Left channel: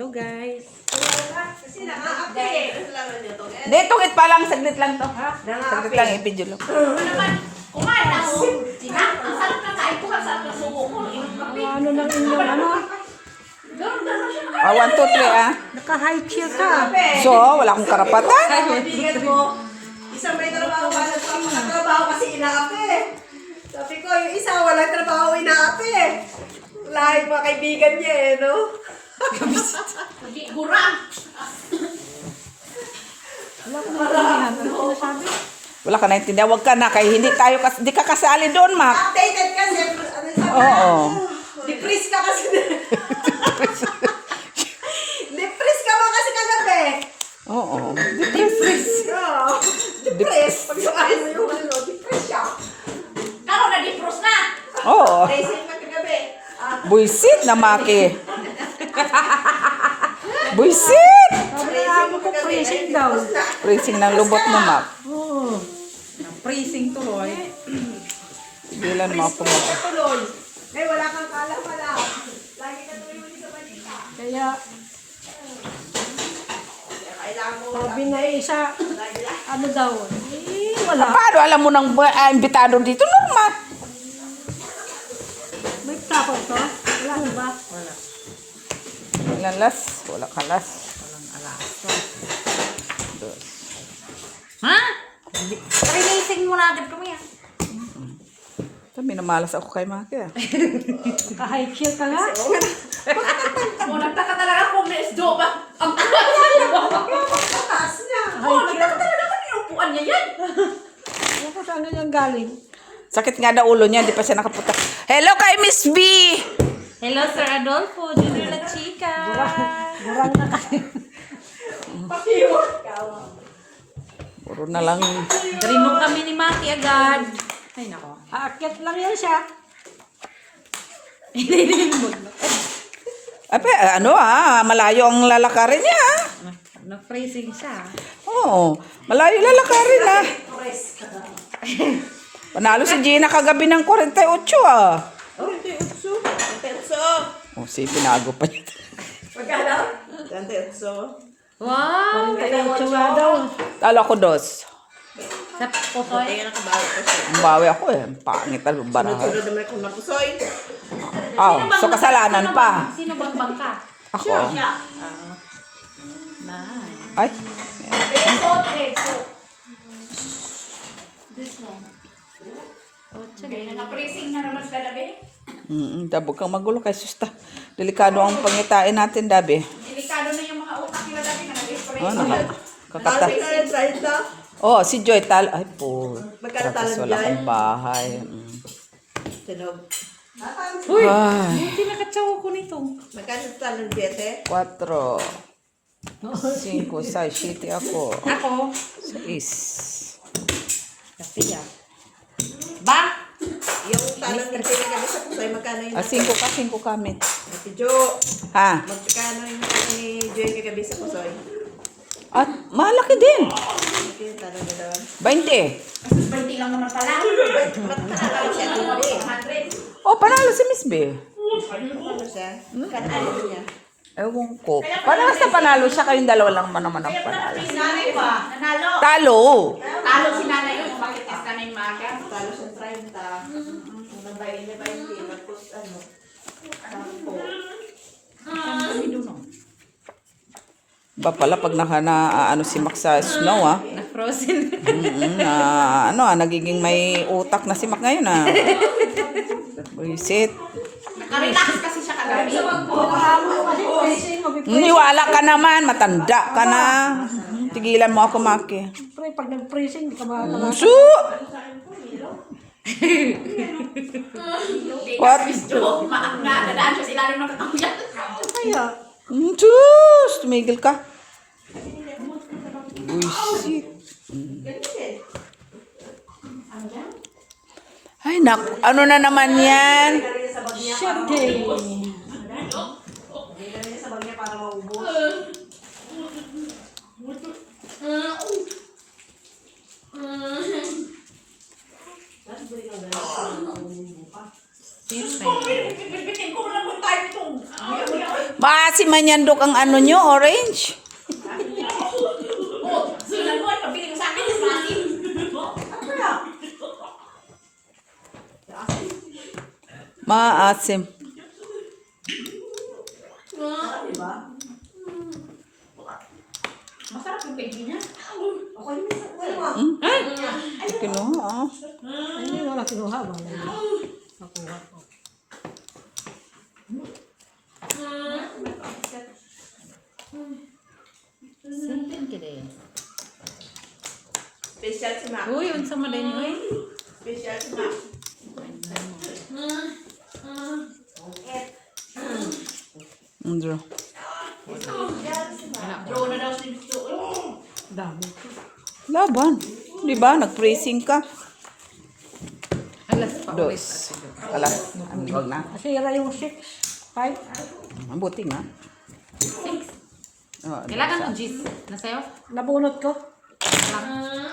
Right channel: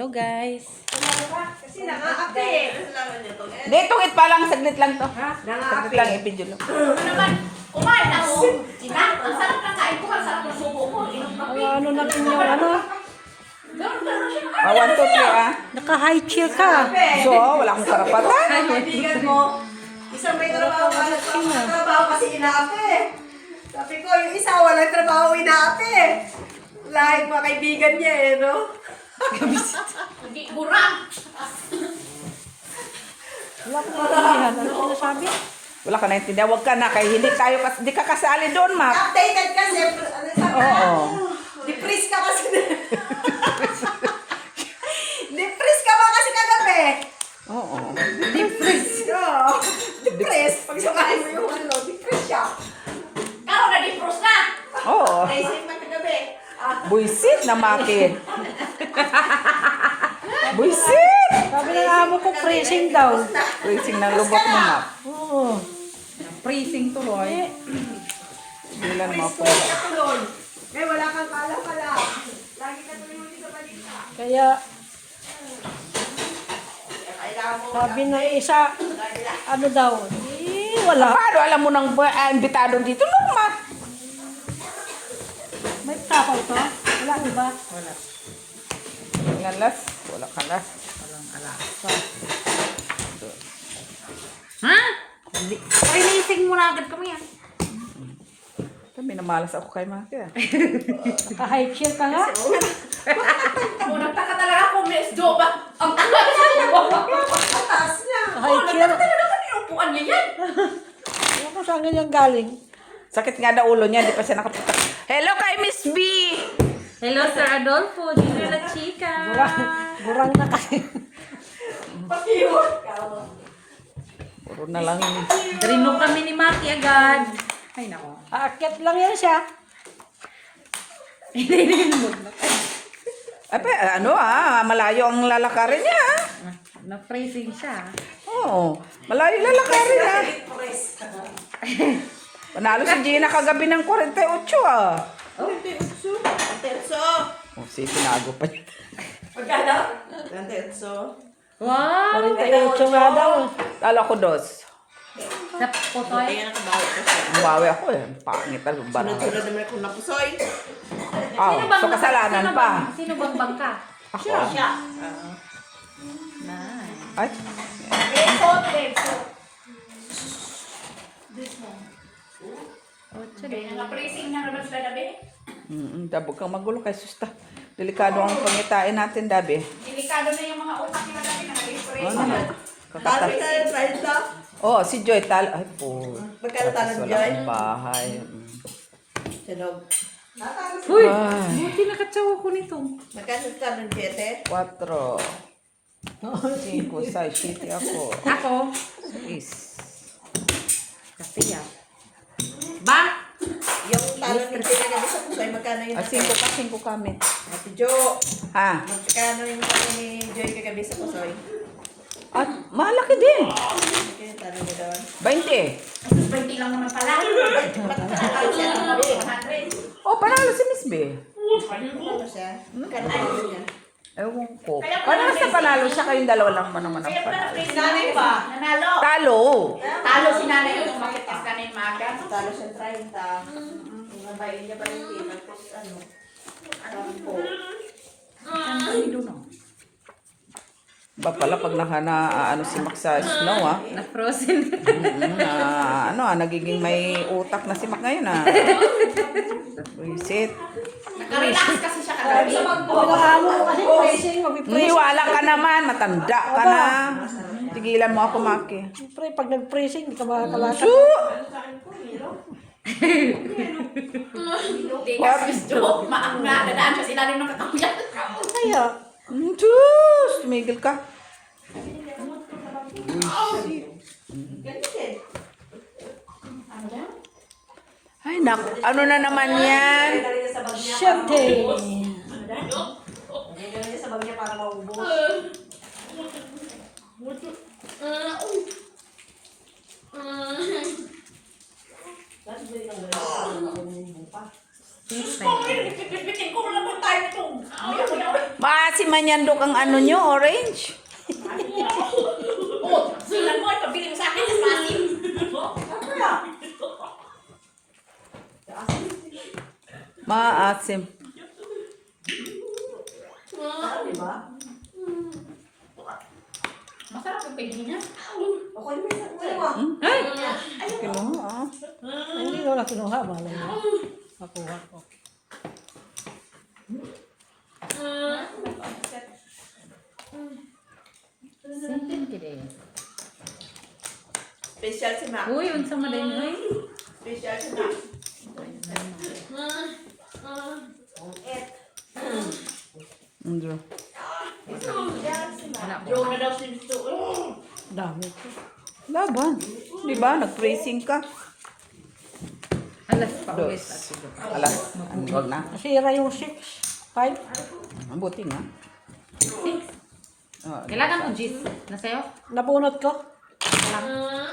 Hello guys. Kasi nang-aapi. Hindi, tungit pa lang. Saglit lang to. Saglit lang, ipidyo lang. Ano naman? Kumain na mo. Sina? Ang sarap ng kain ko. Ang sarap ng suko ko. Ano na inyong ano? Gano'n siya. 1, 2, 3 ah. Naka-high chair ka. So, wala akong karapatan. Ay, kaibigan mo. Isang may trabaho ka. Nagpapatrabaho kasi inaapi. Sabi ko, yung isa walang trabaho inaapi. Lahing mga kaibigan niya eh, no? Gurang. Wala ka naintindihan. Ano sinasabi? Wala ka naintindihan. Huwag ka na. Kaya hindi ka kasali doon, ma. Updated kasi. Ano sabi na? Oo. Depress ka kasi. Depress ka ba kasi kagabi? Oo. Depress. Oo. Depress. Pag sakahin mo yung ano, depress siya. Karo na di-pros na. Oo. Racing pa kagabi. Buisit na, Maki. Buisit! Sabi na mo ko pressing daw. Racing ng lubot mo, ma. Oo. Freezing tuloy. Bilan mo ako. Tuloy. May wala kang pala. Lagi ka tuloy muli sa balita. Kaya Kailangan mo. sabi na isa, ano daw, wala. Paano alam mo nang imbitado dito, no, ma? May kapaw to? Wala ba? Wala. Walang las. Wala ka las. Walang alas. Ha? Releasing mo na agad kami ah. Kami namalas ako kay Maki. Naka-high chair ka nga. O, nagtaka talaga kung may isdo ba? Ang Taas niya. Oo, nagtaka talaga kung inupuan niya yan. Ano ka saan kanyang galing? Sakit nga daw ulo niya, di pa siya nakaputak. Hello kay Miss B! Hello, Sir Adolfo. Junior La Chica. Burang na kayo. Pakiwan. Puro na lang yun. Rinog kami ni Maki agad. Ay, nako. Aakyat lang yan siya. Ay, ano malayo ang lalakarin niya. Na-freezing siya. Oo, malayo lalakarin ah. Panalo si Gina kagabi ng 48 ah. Petso. Oh, si pinago pa niya. Magkano? Petso. Wow! 48 nga daw. Talo ako dos. Sa pusoy. Kaya nakabawi ko siya. Ang bawi ako eh. Pangit ang barang. Sunod-sunod naman kung napusoy. Sa kasalanan sino pa. Sino bang bangka? Ako. Nice. Ay, Beso. This one. Ocho Kaya din. na-pressing na naman sa labi. dabog kang magulo kay susta. Delikado ang pangitain natin, Dabi. Delikado na yung mga utak nila dati na nag-spray. Ano? Kakata. Talo na yung trial na. Oh, si Joy Ay, po. Magkano talo ni Wala Joy? akong bahay. Sinog. Uy! Ay, Buti nakatsawa ko nito. Magkano talo ni Jete? 4. 5, 6, 7 ako. Ako? 6. Kapiya. Ba? Yung talo ni Jete na sa pusoy, magkano yun? 5 kami. Ate Jo, Ha? magkano yung talo ni Joy kagabi sa pusoy? At malaki din. Magkano talo na daw? 20. 20 lang naman pala. Magkano siya? 100. Oh, panalo si Miss B. Magkano siya? Magkano talo niya? Ewan ko. Paano sa panalo siya kayong dalawa lang ba naman ang Kaya pala panalo? na-pressing nanay pa. Nanalo. Talo. Talo si nanay yun. Bakit kas kanay maga? Talo siya 30. Nabayin niya 20. Tapos ano? 10. Ba pala pag ano si Mac sa snow Na-frozen. Nagiging may utak na si Mac ngayon Visit. Nakarelax kasi siya kagabi. Niwala ka naman, matanda ka na. Tigilan mo ako, Maki. Siyempre, pag nag-pressing, di ka makakalakas. Su! Hindi ka swisdo. Maak na. Dadaan siya sa ilalim ng katawan. Kaya, Sus! Tumigil ka. Visit. Ay, ano na naman yan? siyempre. Sa bagya para maubos. Bitin ko lang kung tayo ito. Si manyandok ang ano nyo, orange. Oh, sunan mo, pabiling sa akin, mas masin. Maasim. Diba? Masarap yung pigi niya. Okay, ano mo? Kinuha, ah. Hindi ko na kinuha ba? Nakuha ko. Sintin kide. Special si Mac. Uy, unsa man din uy? Special si Mac. Andrew. Draw na daw si Dito. Dami. Laban. Di ba? Nag-praising ka. Alas pa uwi Dos. sa siguro. Wala. Huwag na. Nasira yung 6. 5. Mabuti nga. Kailangan ng jeans. Nasayo? Nabunot ko.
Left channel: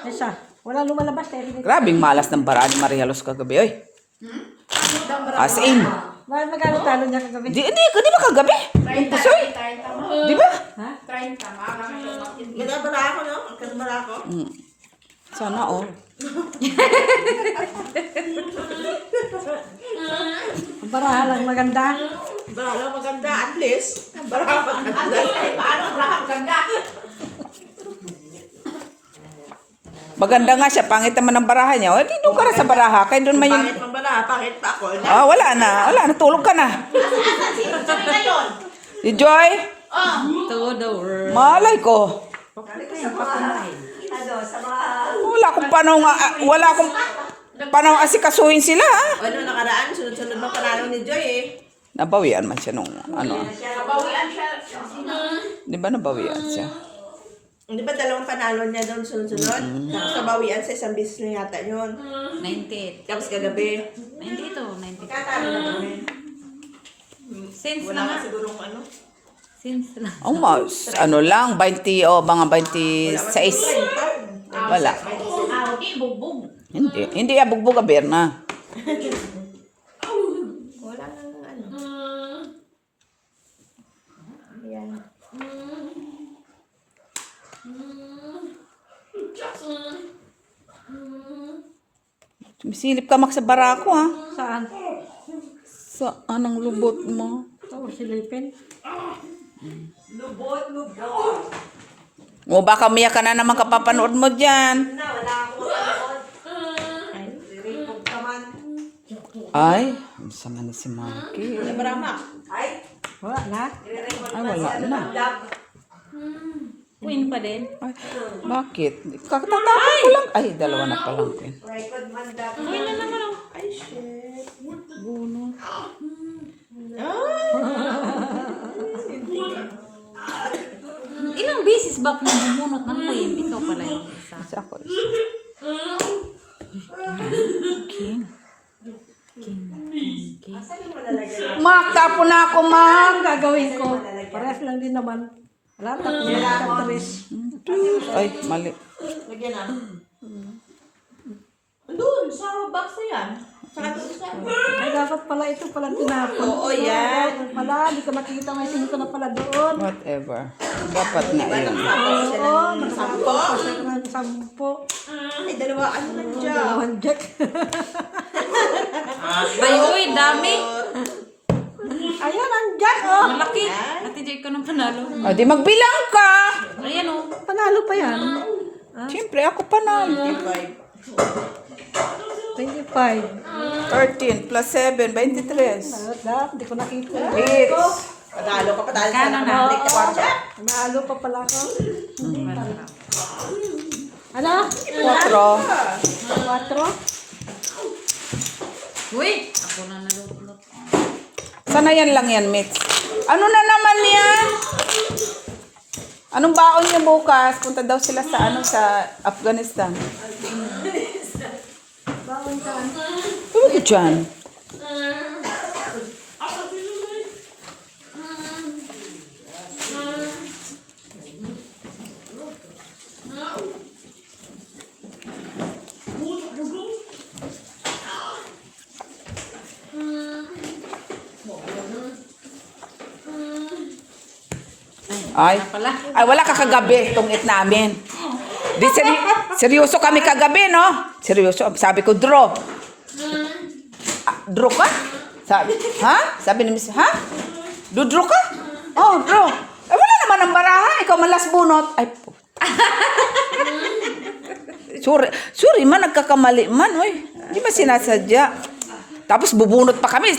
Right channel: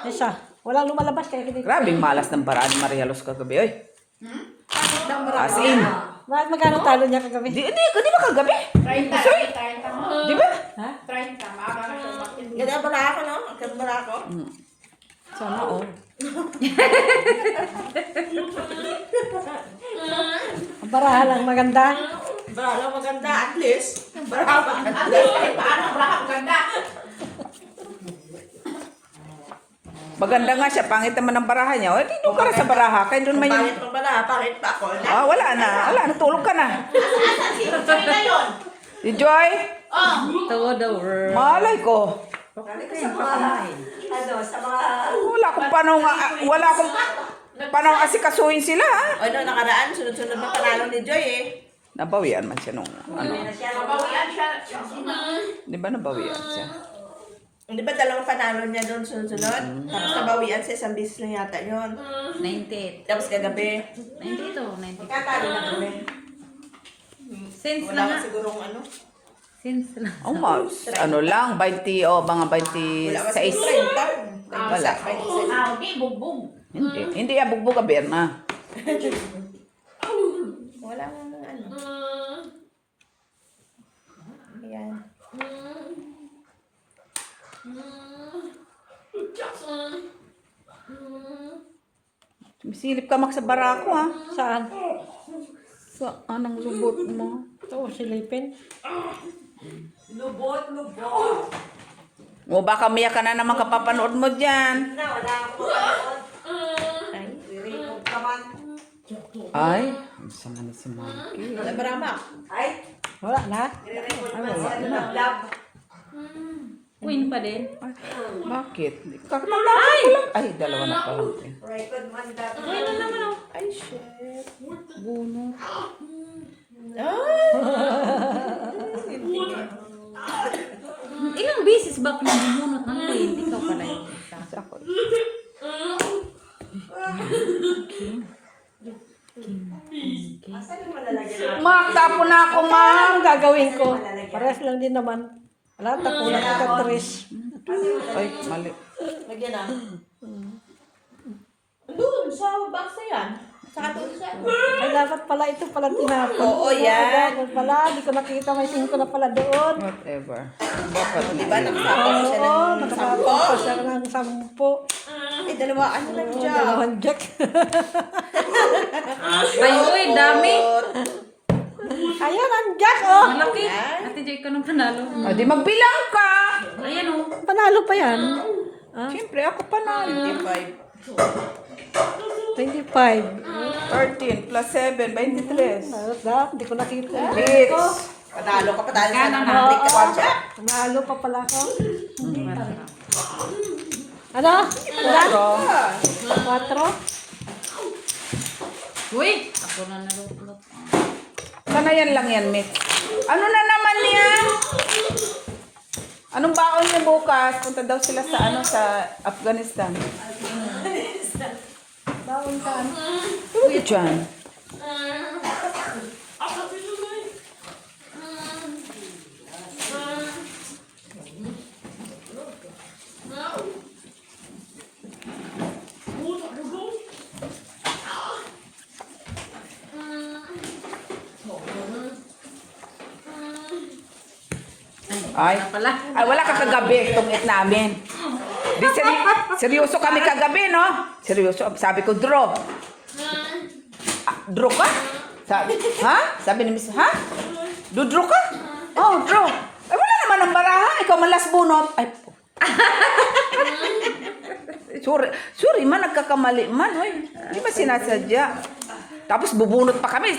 Isa. Walang lumalabas kaya hindi. Grabing malas ng baraan ni Maria Luz kagabi, oy. As in. Magkano talo niya kagabi? Di ba kagabi? 30 mo. Di ba? Ha? 30, maaga na siya. Ganda pala ako, no? Ganda pala ako. Sana all. Ang barahan lang maganda. Bala, maganda. At least. Bala, maganda. Paano ang ganda? Maganda nga siya. Pangit naman ang baraha niya. O, di doon para sa baraha. Kaya doon man yung... Pangit mo bala, pangit pa ako. Ah, wala na. Wala na. Tulog ka na. Asan si Joy na yun? Si Joy? Oh, To the world. Malay ko. Ano, sa mga... Wala akong panong asikasuhin sila, ha? Ano, nakaraan, sunod-sunod na panalo ni Joy, eh. Nabawian man siya nung ano. nabawian siya. Di ba nabawian siya? Di ba dalawang panalo niya doon sunod-sunod? Tapos nabawian sa isang bis na yata yun. 98. Tapos kagabi. 92, 90. Katalo na kami. Since Wala lang ka nga. sigurong ano. Since lang. Oh, ano lang, 20 o mga 26. Wala. Ah, okay, bugbog. Hindi abugbog ka, Berna. Wala ano. Ayan. Sumisilip ka mak sa barako, ha? Saan? Sa anong lubot mo? Ito, silipin. Lubot. O baka umiyak ka na naman kapapanood mo dyan. Wala akong mapanood. Ay, re-record ka man. Ay, ang sama ni si Marky. Wala marama. Ay, Wala na. re-record pa si ano ng lab. Queen pa din. Ay, bakit? Kakatatakot ko lang. Ay, dalawa na pa lang. Record man lab. Ay, na naman oh. Ay, shit. Bunot. Ilang beses ba kung bumunot ng queen? Ikaw pala yung isa. Kasi ako. Asan yung malalagyan? Mak, tapo na ako, Mak. Ang gagawin ko. Parehas lang din naman. Wala, tapos na katris. Ay, mali. Lagyan na. Doon, sa box na yan. Saka doon sa... Ay, dapat pala ito pala tinapon. Oo, yan. Dapat pala, di ko makikita may 5 na pala doon. Whatever. Dapat na Diba, yun. nagtapon ko siya ng sampo? Kasi ka ng 10. Ay, dalawaan lang dyan. Dalawang jack. Ay, uy, dami. Ayan, ang jack, oh. Malaki. Ate Jay ko nung panalo. O, di magbilang ka. Ayan oh. Panalo pa yan. Siyempre, ako pa na. 25. 13 plus 7, 23. Dapat, hindi ko nakita. Yes. Patalo ka, patalo ka ng mga rekwardsya. Panalo pa pala ako. Ano? 4? 4. Uy! Ako na nalulot. Sanayan lang yan, Mitch. Ano na naman yan? Anong baon niya bukas? Punta daw sila sa sa Afghanistan. Bawang saan? Ano ba dyan? Ay, Pala. ay wala ka kagabi tungit namin. Di seryoso kami kagabi, no? Seryoso. Sabi ko, draw. Draw ka? Sabi, ha? Sabi ni Miss, ha? Draw ka? Oh, draw. Eh, wala naman ang baraha. Ikaw malas bunot. Ay, po. Sorry man, nagkakamali man, hoy. Hindi ba sinasadya? Tapos bubunot pa kami.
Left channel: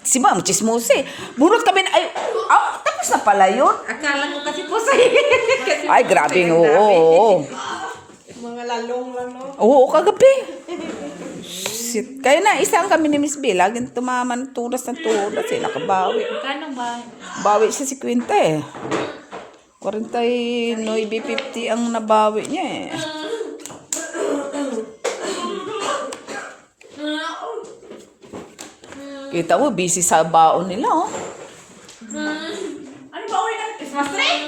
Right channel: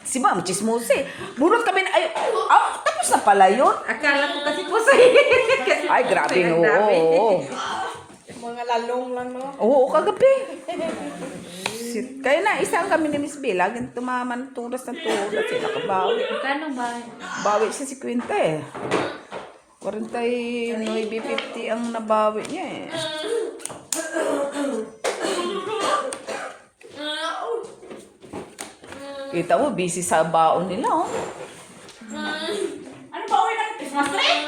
Si Ma'am Chismose. Bunot kami na, ay, tapos na pala yun. Akala ko kasi po sa'yo. Ay, grabe, oo. Mga lalong lang, no? Oo, kagabi. Shit. Kaya na, isang kami ni Miss B. Laging tumama ng turas ng turas. Eh, nakabawi. Magkano ba? Bawi siya 50 eh. 49, 50 ang nabawi niya eh. Kita mo, busy sa baon nila, oh. Ano ba uwi ng Christmas tree?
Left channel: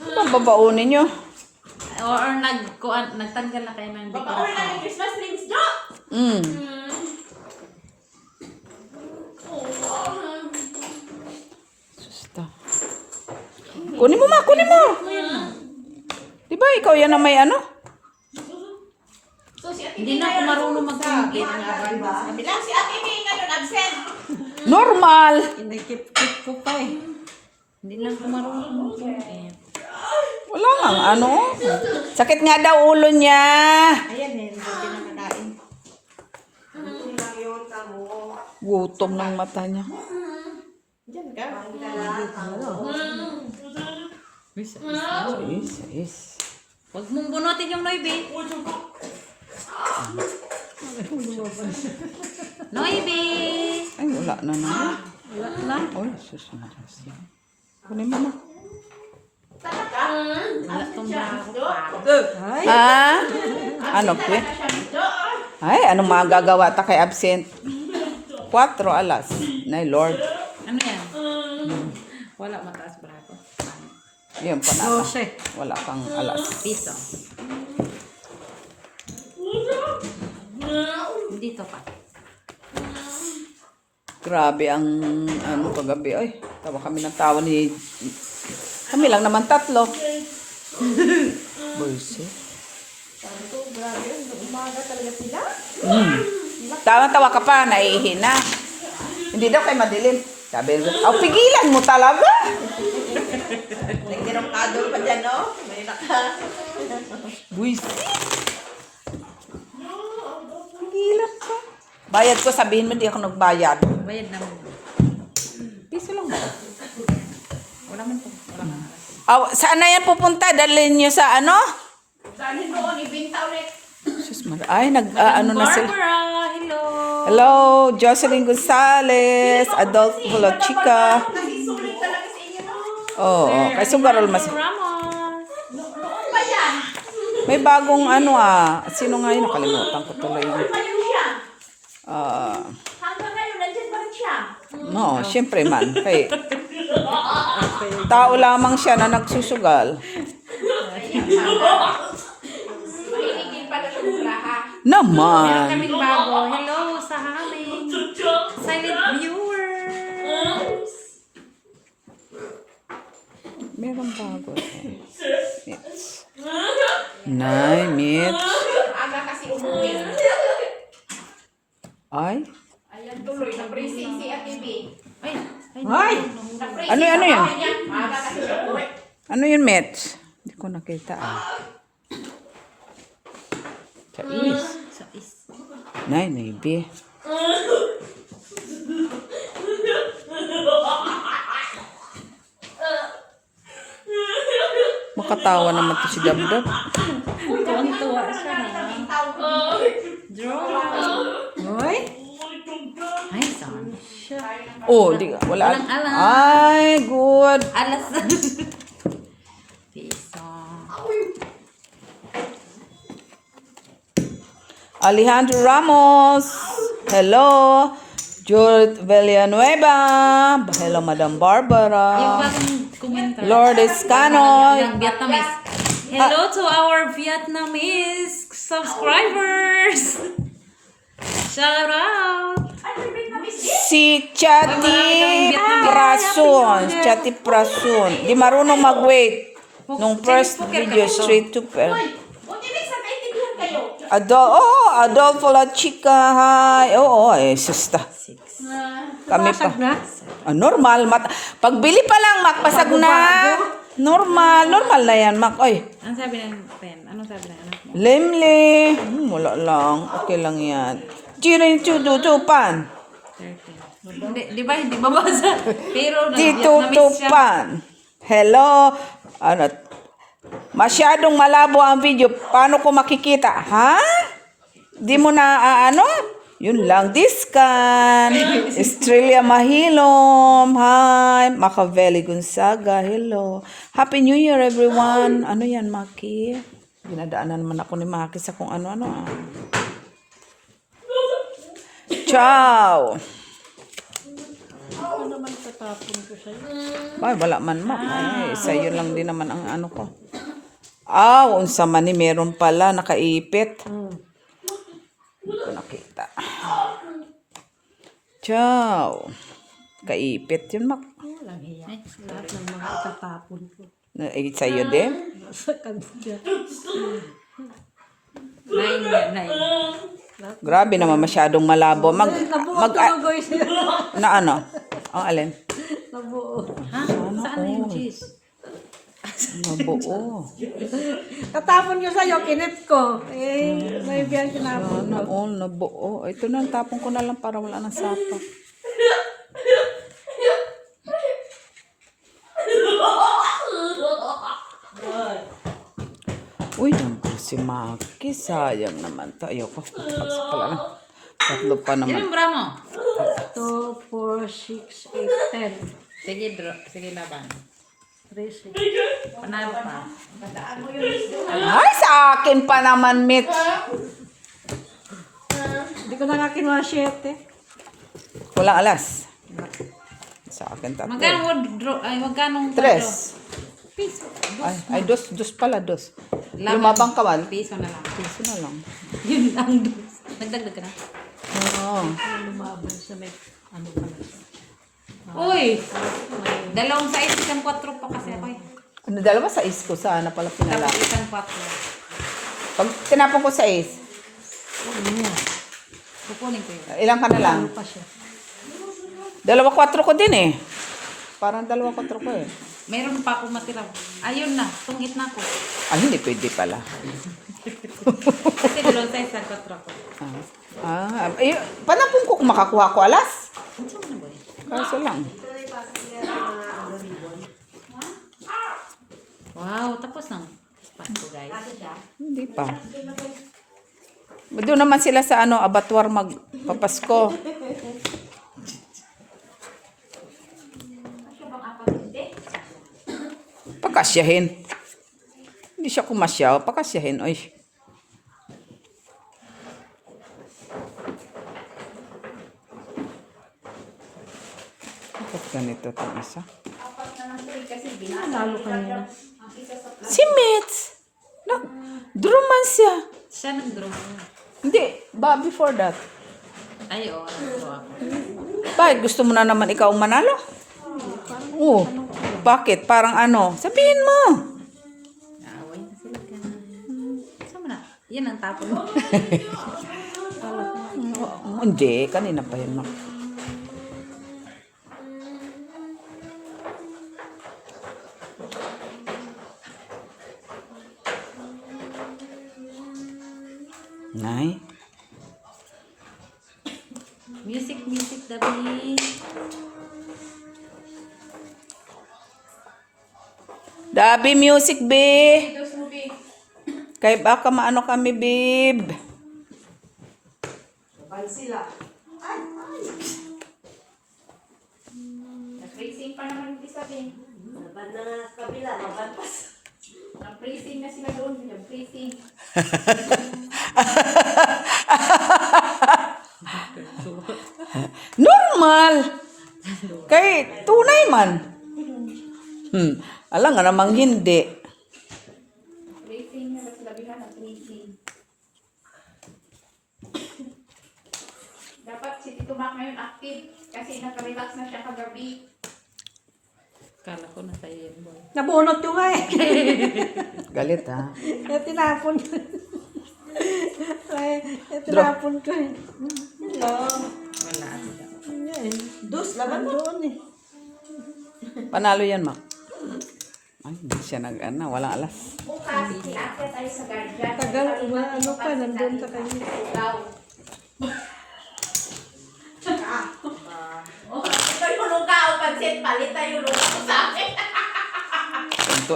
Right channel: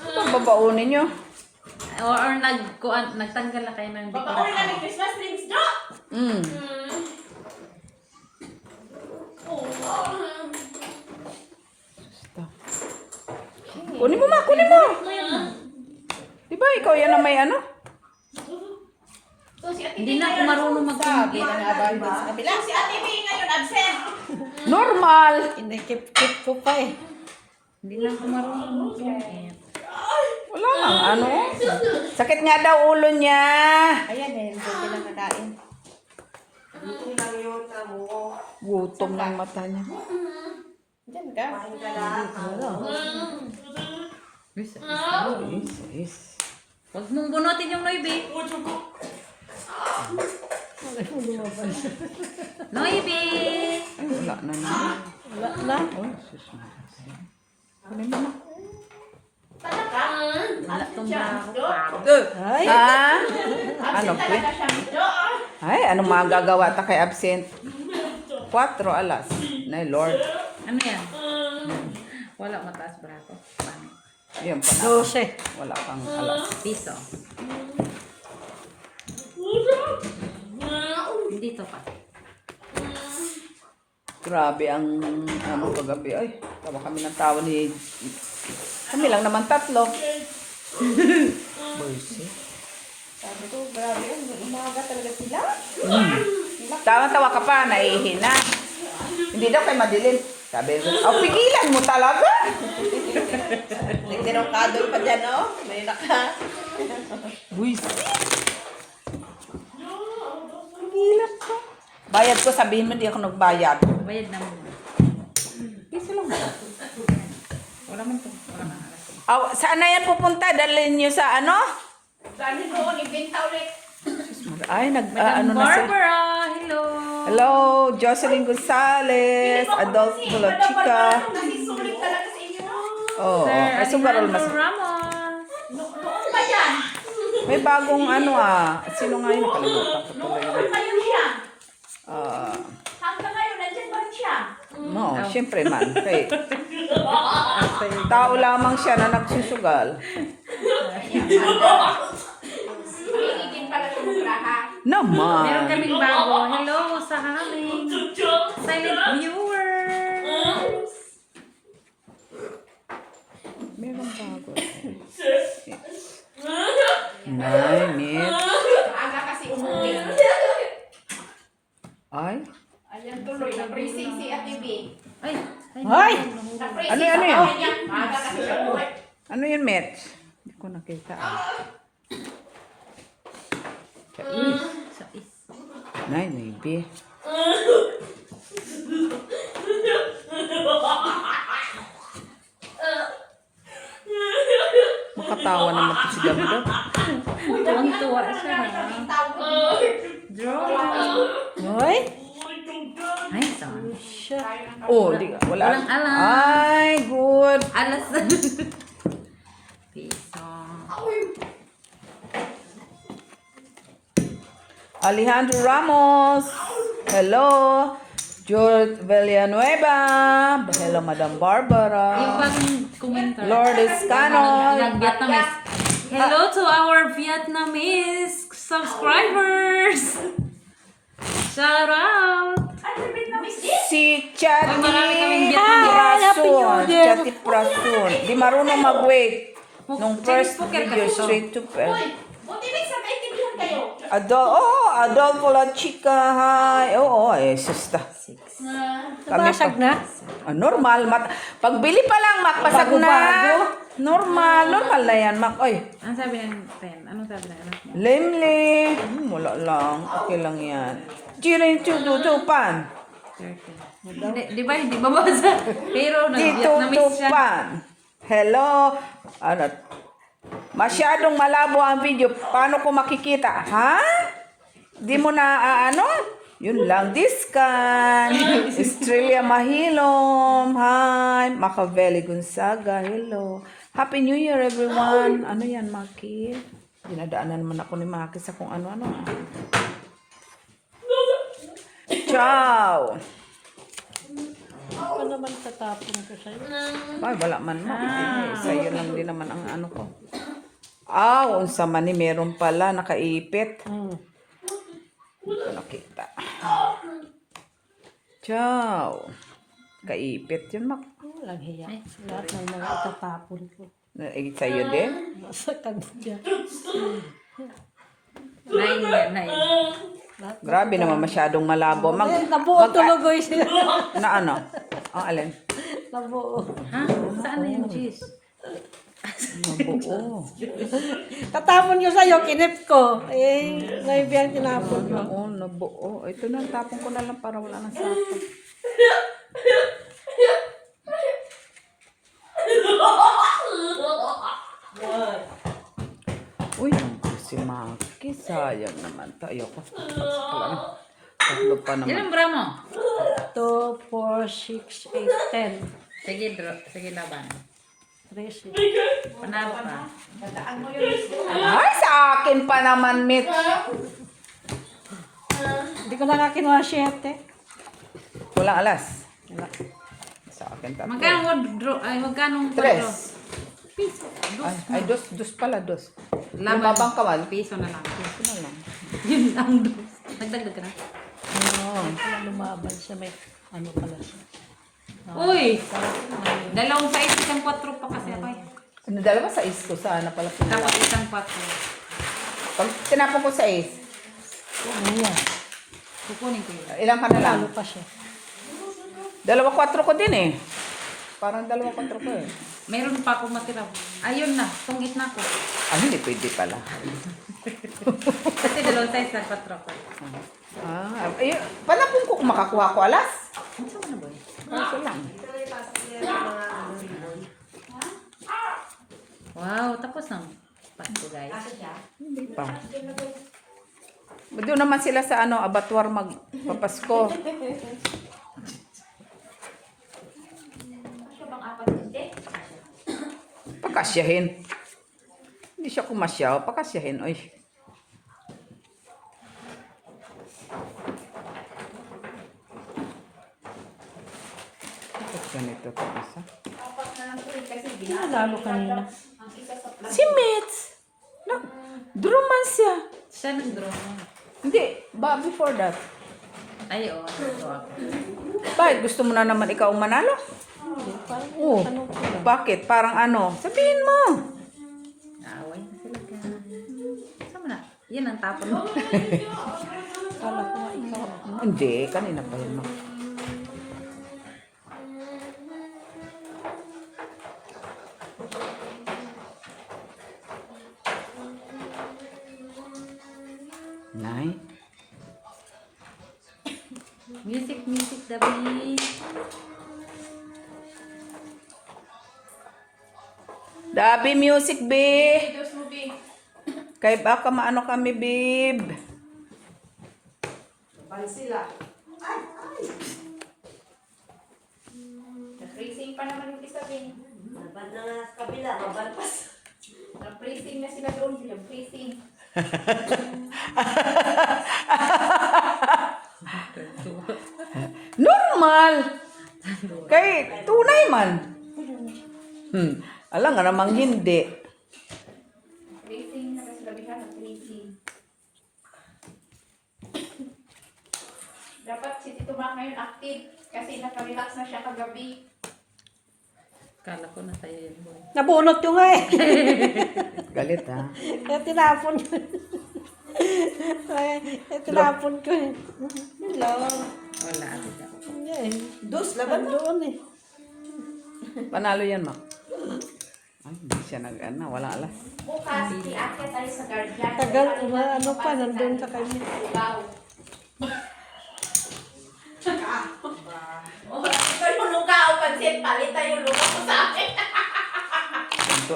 Ano ang babaonin nyo? Or nagtanggal na kayo ng Baka uwi na ng Christmas tree, Miss Jo. Kunin mo, ma, kunin mo. Di ba ikaw yan na may ano? So, si Ate Hindi na ako marunong mag-compute. Si Ate May ngayon absent. Normal. Hindi, keep ko pa eh. Hindi na ako marunong mag-compute. Wala lang, ano? Sakit nga daw ulo niya. Ayan eh, hindi pinakakain. Hindi lang yung tamo. Gutom ng mata niya. Diyan ka. Is. Huwag mong bunutin yung Noibi. Noibi! Ay, wala na naman. Wala na? Oh, susunod. Kunin mo na. Wala tong bago pa. Ay, Ah? Ano, pre? Ay, anong magagawa ta kay absent? 4 alas. Nay, Lord. Ano yan? Wala mataas braso. Yun pa na. 12. Wala kang alas. Piso. Dito pa. Grabe ang ano kagabi. Ay, tawa kami ng tawa ni... Kami lang naman 3. Bullshit. Sabi ko, grabe yun. Umaga talaga sila. Tawa-tawa ka pa, naihina. Hindi daw kayo madilim. Sabi ko, pigilan mo talaga. Nagtirokadol pa dyan, no? May naka. Bullshit. Pigilan ka. Bayad ko, sabihin mo, di ako nagbayad. Bayad naman. Piso lang ba? Wala man to. Wala man. Saan na yan pupunta? Dalhin nyo sa ano? Dahil doon, ibenta ulit. Sus, ay, ano na sila. Barbara! Hello! Hello, Jocelyn Gonzalez, Adolfo La Chica. Kasi sulit talaga sa inyo. Oo, kay Sugarol mas. Ramos! Noon pa yan. May bagong ano sino nga yun? Nakalimutan ko tuloy. Noon pa yun siya. Hanggang ngayon, nandiyan pa rin siya. No, syempre man. Kay, tao lamang siya na nagsusugal. Mahiligin pala siya magraha. Meron Naman. kaming bago. Hello sa aming silent viewers! Meron bago. Nay, Mitch. Aga kasi umuwi. Ay. Ayan tuloy, na-praising si Ate B. Ay! Ay! Na-praising Ano yan? sa bahay niya. Aga kasi siya umuwi. Ano yun, Mitch? Hindi ko nakita. Kais. So is... Nay, maybe. Makatawa naman to si Damdam. Tuwang-tuwa siya. Ay, Ay, sorry. Oh, di ka. Wala. Walang alam. Ay, good. Alas. Piso. Alejandro Ramos. Hello. Jude Villanueva. Hello, Madam Yung Barbara. bagong komento. Lourdes Canoy. Ng Vietnamese. Hello to our Vietnamese subscribers! Shout out! Si Chati Prasun. Chati Prasun. Di marunong mag-wait. Nung first video, straight to Uy, buti minsan kaintindihan kayo. Adolfo La Chica. Hi. Oo, susta. Kami pa. Basag na. Normal. Pagbili pa lang, Mac, pasag na. Normal na yan, Mac. Oy. Ano sabi ng pen? Ano sabi ng anak mo? Lemle. Wala lang. Okay lang yan. Chirin chututupan. Di ba hindi babasa? Hero na Vietnamese siya. Titutupan. Hello. Ano? Masyadong malabo ang video. Paano ko makikita? Ha? Di mo na ano? Yun lang. Discan. Estrella Mahilom. Hi. Machiavelli Gonzaga. Hello. Happy New Year, everyone. Ano yan, Maki? Dinadaanan naman ako ni Maki sa kung ano-ano. Ciao. Ano naman tatapon ko sa'yo? Ay, wala man mo. Sa'yo lang din naman ang ano ko. Unsa man ni meron pala nakaipit. Nakita. Ciao. Kaipit yun, Mak. Walang hiya. Lahat ng mga tatapon ko. Sa'yo din? Sa kanila. Nine. Grabe naman masyadong malabo. Nabuo tuloy siya. Na ano? Ang alin? Nabuo. Ha? Saan na yung cheese? Nabuo. Tatapon ko sa'yo, kinip ko. Naibiyang kinapon. Oo, nabuo. Ito na, tapon ko na lang para wala nang sapo. Uy, si Maki, sayang naman tayo. Tatlo pa naman. Ilan bra mo? 2, 4, 6, 8, 10. Sige, sige laban. 3, 6. Panalo pa. Ay, sa akin pa naman, Mitch. Hindi ko na nga kinuha 7. Walang alas. Sa akin tatlo. Magkano Tres. Piso. Ay, dos pala, dos. Laban. Lumabang kawal. Piso na lang. Piso na lang. Yun lang dos. Nagdagdag ka na. Oo. Lumaban sa may ano pala siya. Uy! Dalawang size, isang 4 pa kasi ako eh. Ano, dalawa sa is ko. Sana pala pinala. Tapos isang 4. Pag tinapon ko sa is, Ano yan? Kukunin ko yun. ilang ka na lang? Ano pa siya? 2-4 ko din eh. Parang 2-4 ko eh. Mayroon pa ako matira. Ayun na, tungit na ko. Hindi pwede pala. Kasi dalawang size na 4 ko. Panapon ko kung makakuha ko alas. Ano sa mga boy? Kaso lang. Wow, tapos ng spot ko guys. Hindi pa. Doon naman sila sa abattoir magpapasko. Pakasyahin. Hindi siya kumasyaw. Pakasyahin. Oy. Bakit ganito ito isa? Lalo kanina. Si Mitz! Draw man siya. Siya nag-draw niya. Hindi. Ba, before that. Ay, oo, nag-draw ako. Bakit? Gusto mo na naman ikaw ang manalo? Oo. Bakit? Parang ano? Sabihin mo. Naaway na sila dyan. Saan mo na? Yan ang tapon mo. Hindi. Kanina pa yun. Mak. Nay. Music, Dabi. Dabi music, babe. Kaya baka maano kami, babe. Bal sila. Na-freezing pa naman yung isa din. Laban na nga sa kabila, mabantas. Na-freezing na sila doon. Na-freezing. Normal. Kay tunay man. Alam nga namang hindi. Freezing na sila bihan. Na-freezing. Dapat Si Tumak ngayon active kasi nakarelax na siya kagabi. Kala ko na sa'yo yun, boy. Nabunot ko nga eh. Galit ha. Kaya tinapon ko. Ay, tinapon ko eh. Hello. Wala. Tita. Eh, Dus, laban mo. doon eh. Panalo yan, Mak. Ay, hindi siya nag-ano. Walang alas. Bukas, iaakit tayo sa guardian. Tagal, ano pa, nandun sa kanya. Wow. Ito yung lugaw, pansit, palit tayo lugaw sa akin.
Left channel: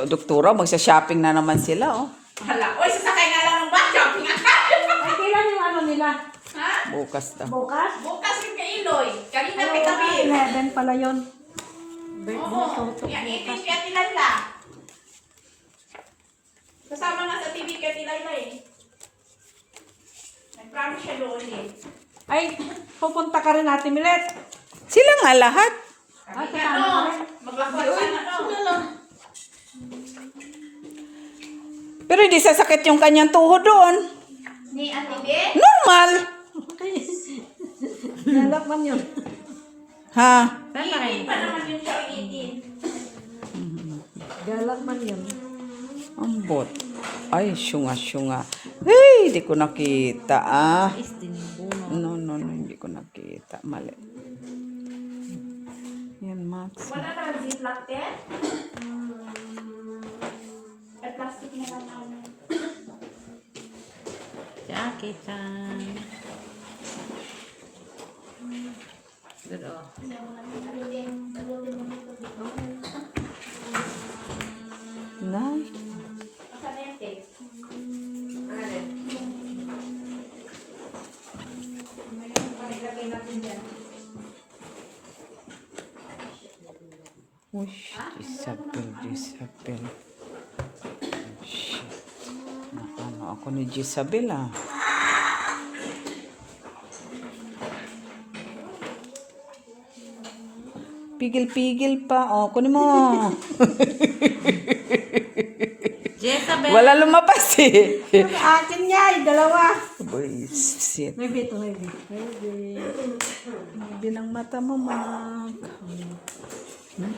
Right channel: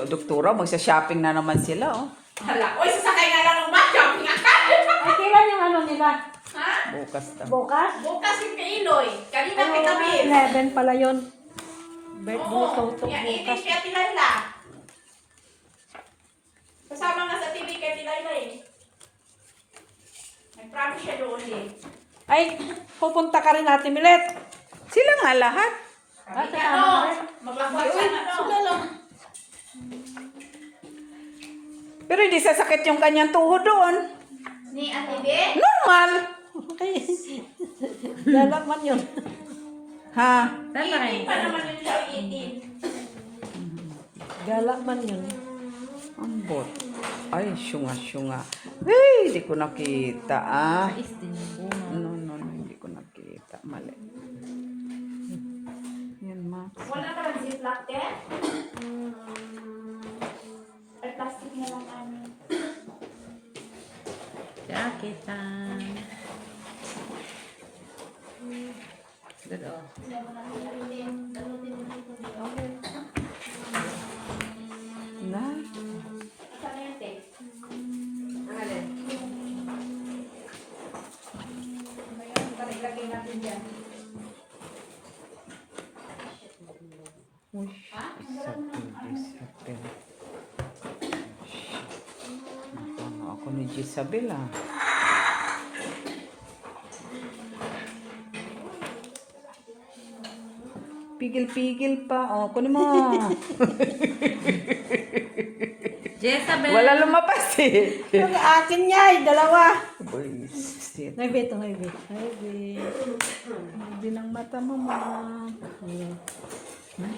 Doktora, magsa-shopping na naman sila, oh. Hala, oy, sasakay nga lang ng bus, shopping ka. Ay, kailan yung ano nila? Ha? Bukas daw. Bukas? Bukas yung kay Iloy. Kanina kay Camille. 11 pala yun. Oo, yan, itin kaya Tilala. Kasama nga sa TV kay Tilala eh. Nag-promise siya doon eh. Ay, pupunta ka rin natin, Milet. Sila nga lahat. Kami nga no, maglakad sana no. Pero hindi sasakit yung kanyang tuhod doon. Ni Ate Be? Normal. Ay, lalak man yun. Ha? Itin pa naman yun siya, itin. Galak man yun. Ambot. Ay, syunga-syunga. Hey, hindi ko nakita, ah. Is din yung buno. No, hindi ko nakita. Mali. Yan, Max. Wala ka ng ziplock eh? Ay, plastic na lang namin. Jaketan. Good, oh. Nay. Saan na yung tape? Ano yun? Paglagay natin dyan. Uy, Jezabel. Ako ni Jezabel, ah. Pigil-pigil pa. Oh, kunin mo. Jezabel. Wala lumabas eh. Yung akin niya, ay dalawa. Boy, shit. Naibe ito, naibe. Naibe ng mata mo, Mak.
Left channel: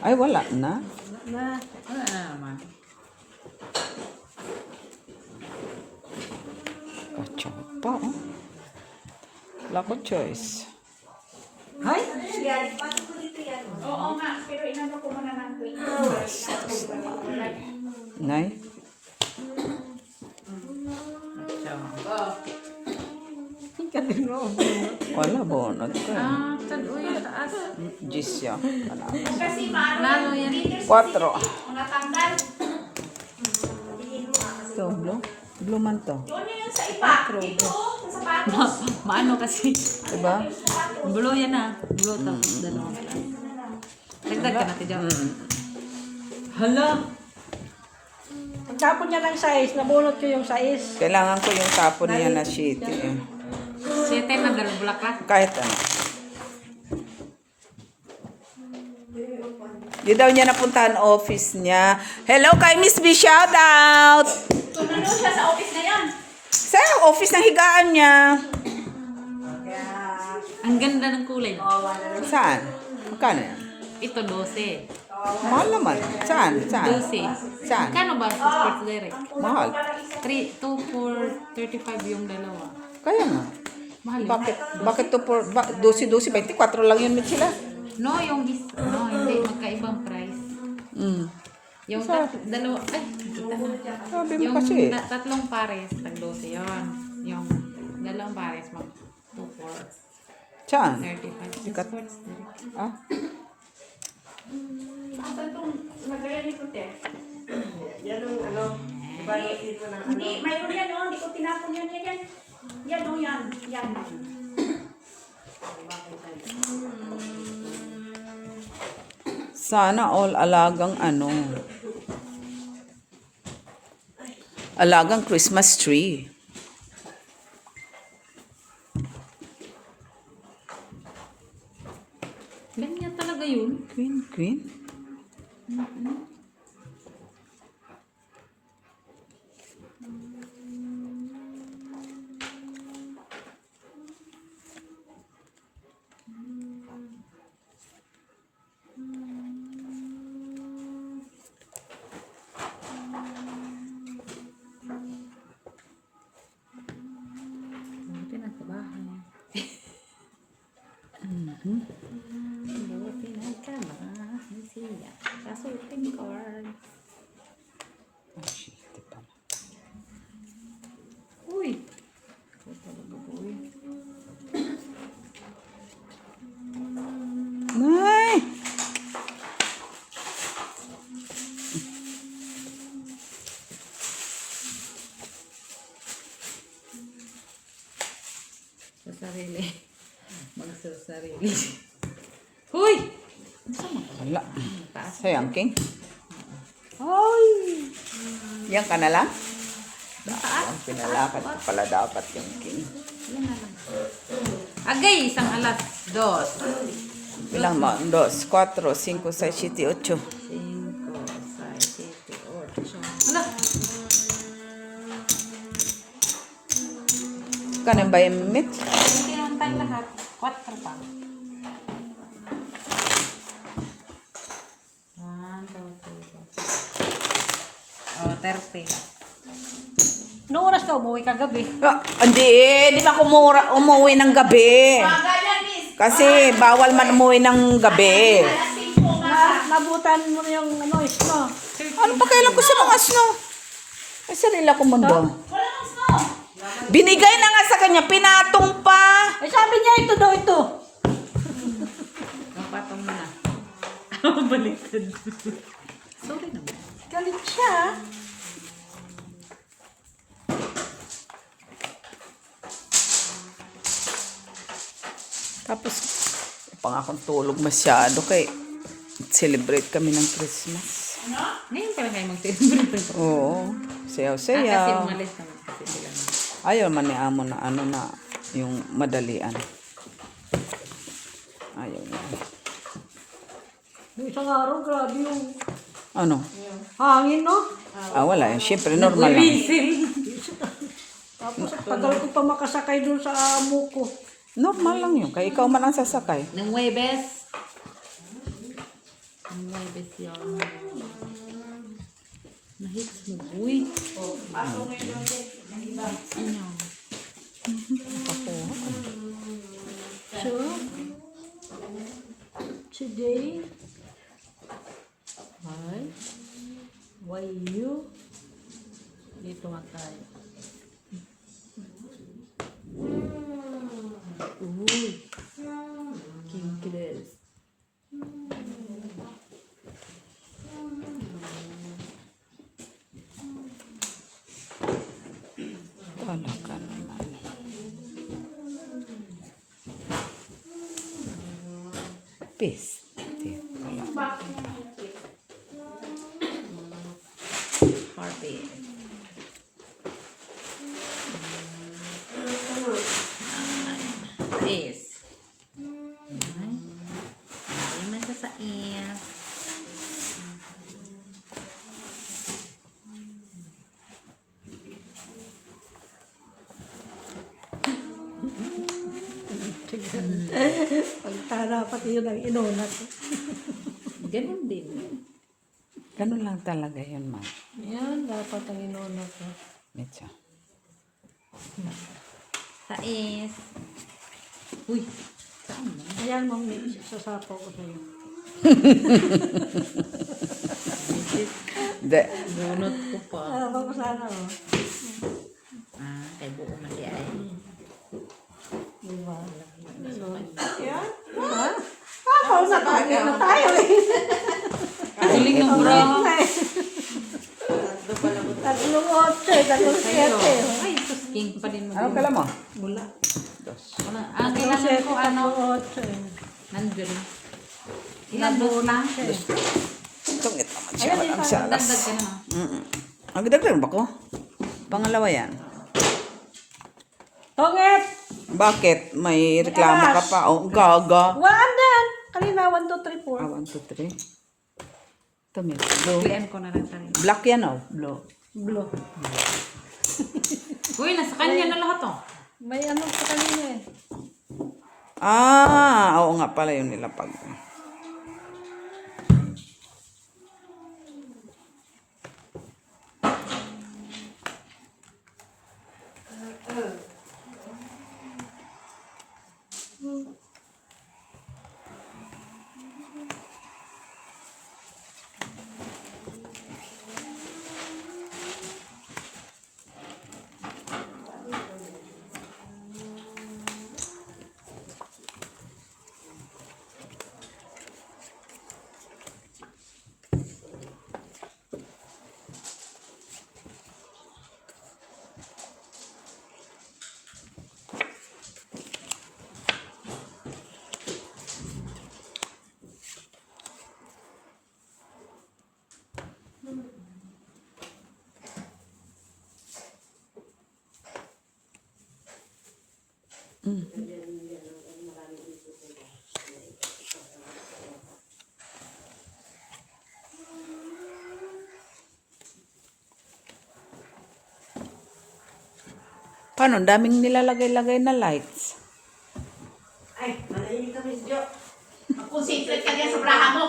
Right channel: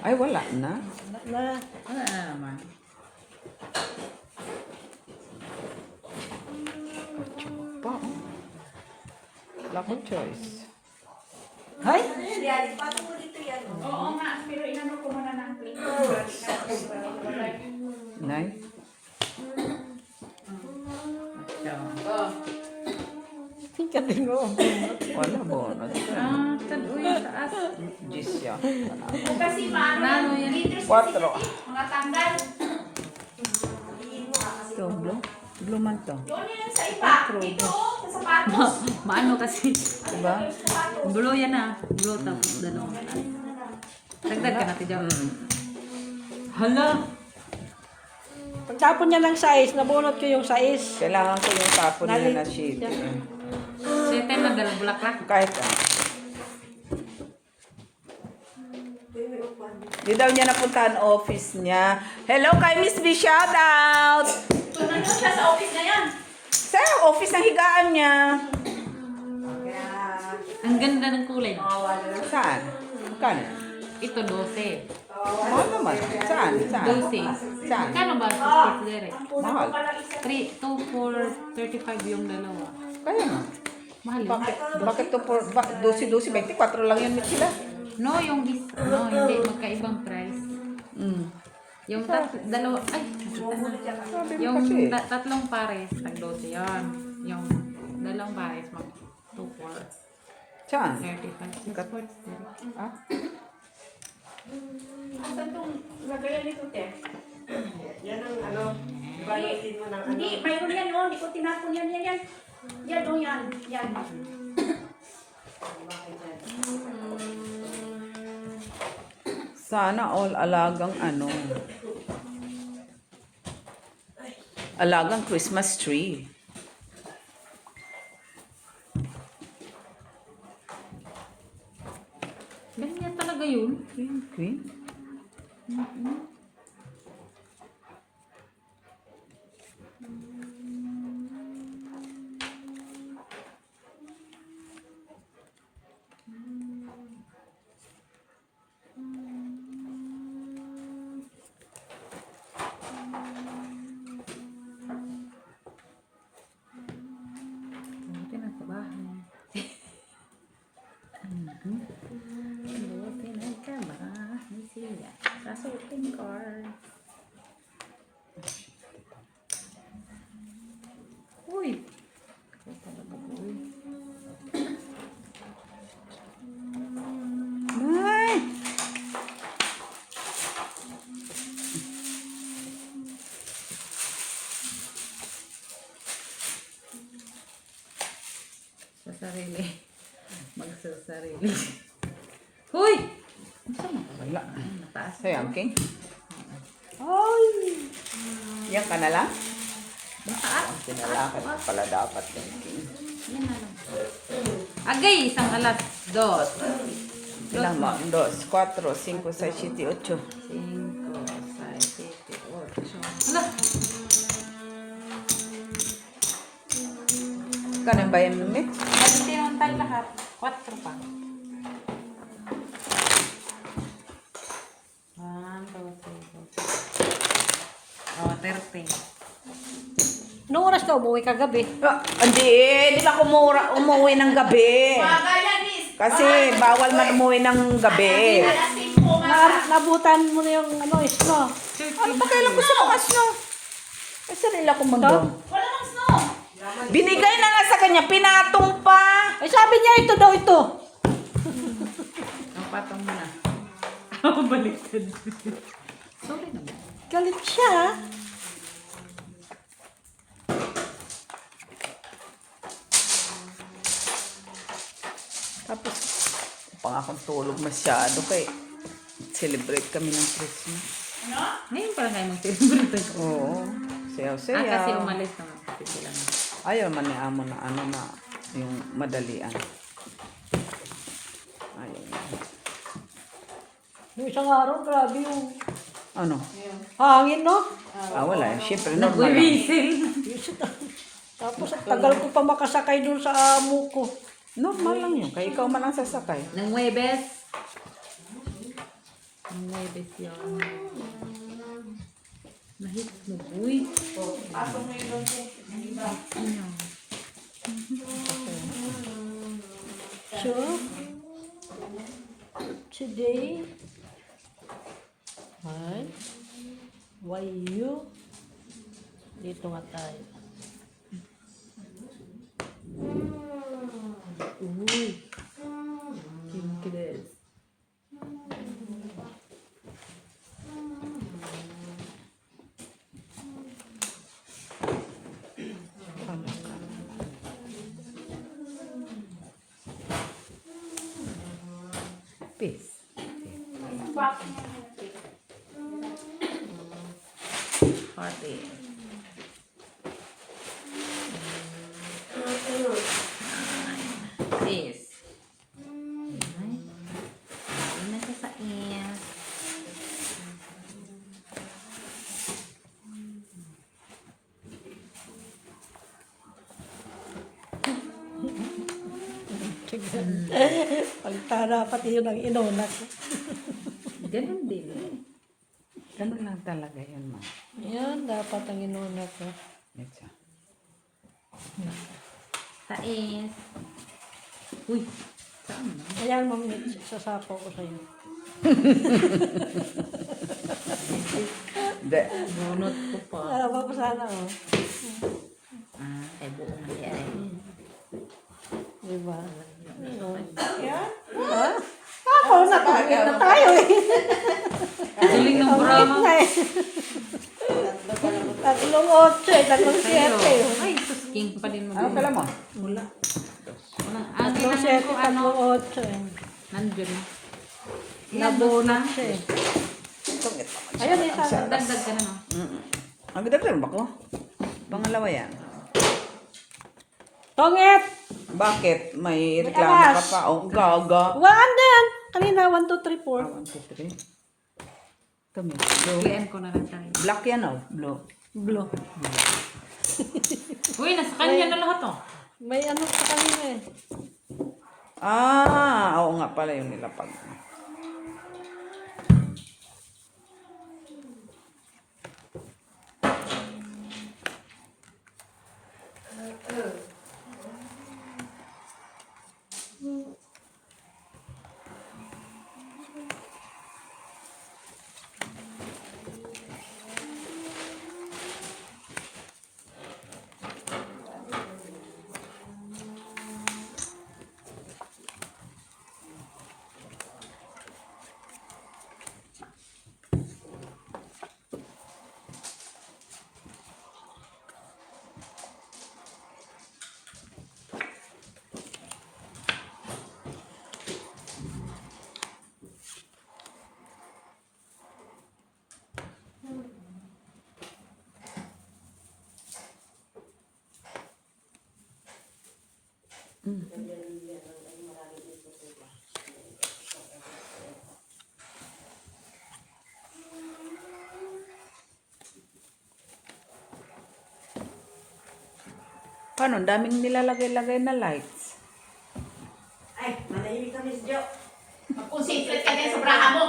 Ay, wala na. Na, Wala na naman. Kachong pa. Oh. Wala ko choice. hay? Yan, paano mo dito yan? Oo nga, pero inano ko muna ng tweet. Nay. Katin mo. Wala bonot. Ah, saan uya, taas. Jis siya. Kasi maano Nano yan? leaders Quatro. mga tanggal. Ito, blue. Blue man to. Doon yun sa iba. Dito, sa sapatos. Maano kasi. Diba? Bulo yan ah. Bulo tapos dalawa. Dagdag ka natin dyan. Hala. Pagtapon niya ng size, nabunot ko yung size. Kailangan ko yung tapon niya na sheet. Eh. Siya tayo lang galang bulaklak. Kahit ano. Di daw niya napuntahan office niya. Hello kay Miss B, shout out! Kung ano siya sa office na yan. Sa office ng higaan niya. Ang ganda ng kulay. Saan? Magkano yan? Ito 12. Mahal naman. Saan? Saan? 12. Saan? Kano ba sa Sports Direct? Mahal. 2 for 35 yung dalawa. Kaya nga. Mahal yun. Bakit to for 12, 24 lang yun sila? No, yung no, hindi magkaibang price. Mm. Yung dalawa, ay, Sabi mo yung kasi. tatlong pares, tag 12 yun. Yung dalawang pares, mag 2 for Saan? 35. Sa Sports Direct. Ah? Asan itong lagayan nito, te? Yan ang ano, ibalutin mo ng ano. Hindi, mayroon yan yun. Hindi ko tinapon yan. Yan. Yan o yan. Yan. Sana all alagang ano. Alagang Christmas tree. Ganyan talaga yun. Queen. Resulting card. Uy. Ito talaga boy. Ay! Sa sarili. Magsasarili. Huy! Saan na? Wala. Taas. Sa'yo, ang king. Ay! Yan ka na lang? Ang taas. Pinalakad ko pala dapat yung king. Yan na lang. Agay, isang alas. Dos. Bilang mo, 2, 4, 5, 6, 7, 8. 5, 6, 7, 8. Hala! Kanin ba yung meat? Hindi naman tayo lahat. 4 pa. 1, 2, 3, 4. Oh, 30. Noong oras ka umuwi kagabi. Hindi pa umuwi ng gabi. Kasi bawal man umuwi ng gabi. Nabutan mo na yung ano, isko. Ano pa kailan ko sa mga snow? Ay, sarila ko mundo. Wala nang snow. Binigay na nga sa kanya, pinatong pa. Eh sabi niya ito daw ito. Ang patong mo na. Baliktad. Sorry naman. Galit siya. Tapos, pang akong tulog masyado kay celebrate kami ng Christmas. Ngayon pala kayo mag-celebrate. Oo. Kasi Sayaw-sayaw. umalis naman kasi sila na. Ayaw man ni Amo na ano na yung madalian. Ayaw na. Yung isang araw, grabe yung Ano? hangin, no? Wala. Siyempre, normal lang. Gumising. Tapos tagal ko pa makasakay dun sa amo ko. Normal lang yun. Kaya ikaw man ang sasakay. Nang Huwebes. Nang Huwebes yun. Nahits mo, uy. Ano? So, today, hi, why you? Dito nga tayo. Uy. Kinky this. Peace. Party. Peace. Ayun na siya sa ear. Pagtara pati yun ang inunat. Ganun din. Ganun lang talaga yun, man. Yan, dapat ang inunat ko. Medyo. Sais. Uy. Saan na? Ayan mo, sasako ko sa'yo. De. Bunot ko pa. Tapos sana, oh. Kay buong mali ay. Diba? Yeah? Ha? Oo, nakakita na tayo eh. Galing ng bro. Tatlong 8, tatlong 7. Ay, sus, king pa din mo. Ano kala mo? Wala. Wala. Ang Tatlong kailangan 7, ko ano. tatlong 8. Nandun. Ilan dos na? Tungit naman siya. Ayun, Ang isa. saras. Dagdag ka na no? Magdagdag ba ko? Pangalawa yan. Tongit! Bakit? May reklamo ka pa? Oh, gaga. Waan din! Kanina, 1, 2, 3, 4. 1, 2, 3. Ito, may blue. PM ko na lang tayo. Black yan, oh. Blue. Blue. Uy, nasa kanya na lahat oh. May ano pa kanina eh. Oo nga pala yung nilapag. Paano? Ang daming nilalagay-lagay na lights. Ay, malahimik kami si Jo. Kung secret ka din sa braha mo.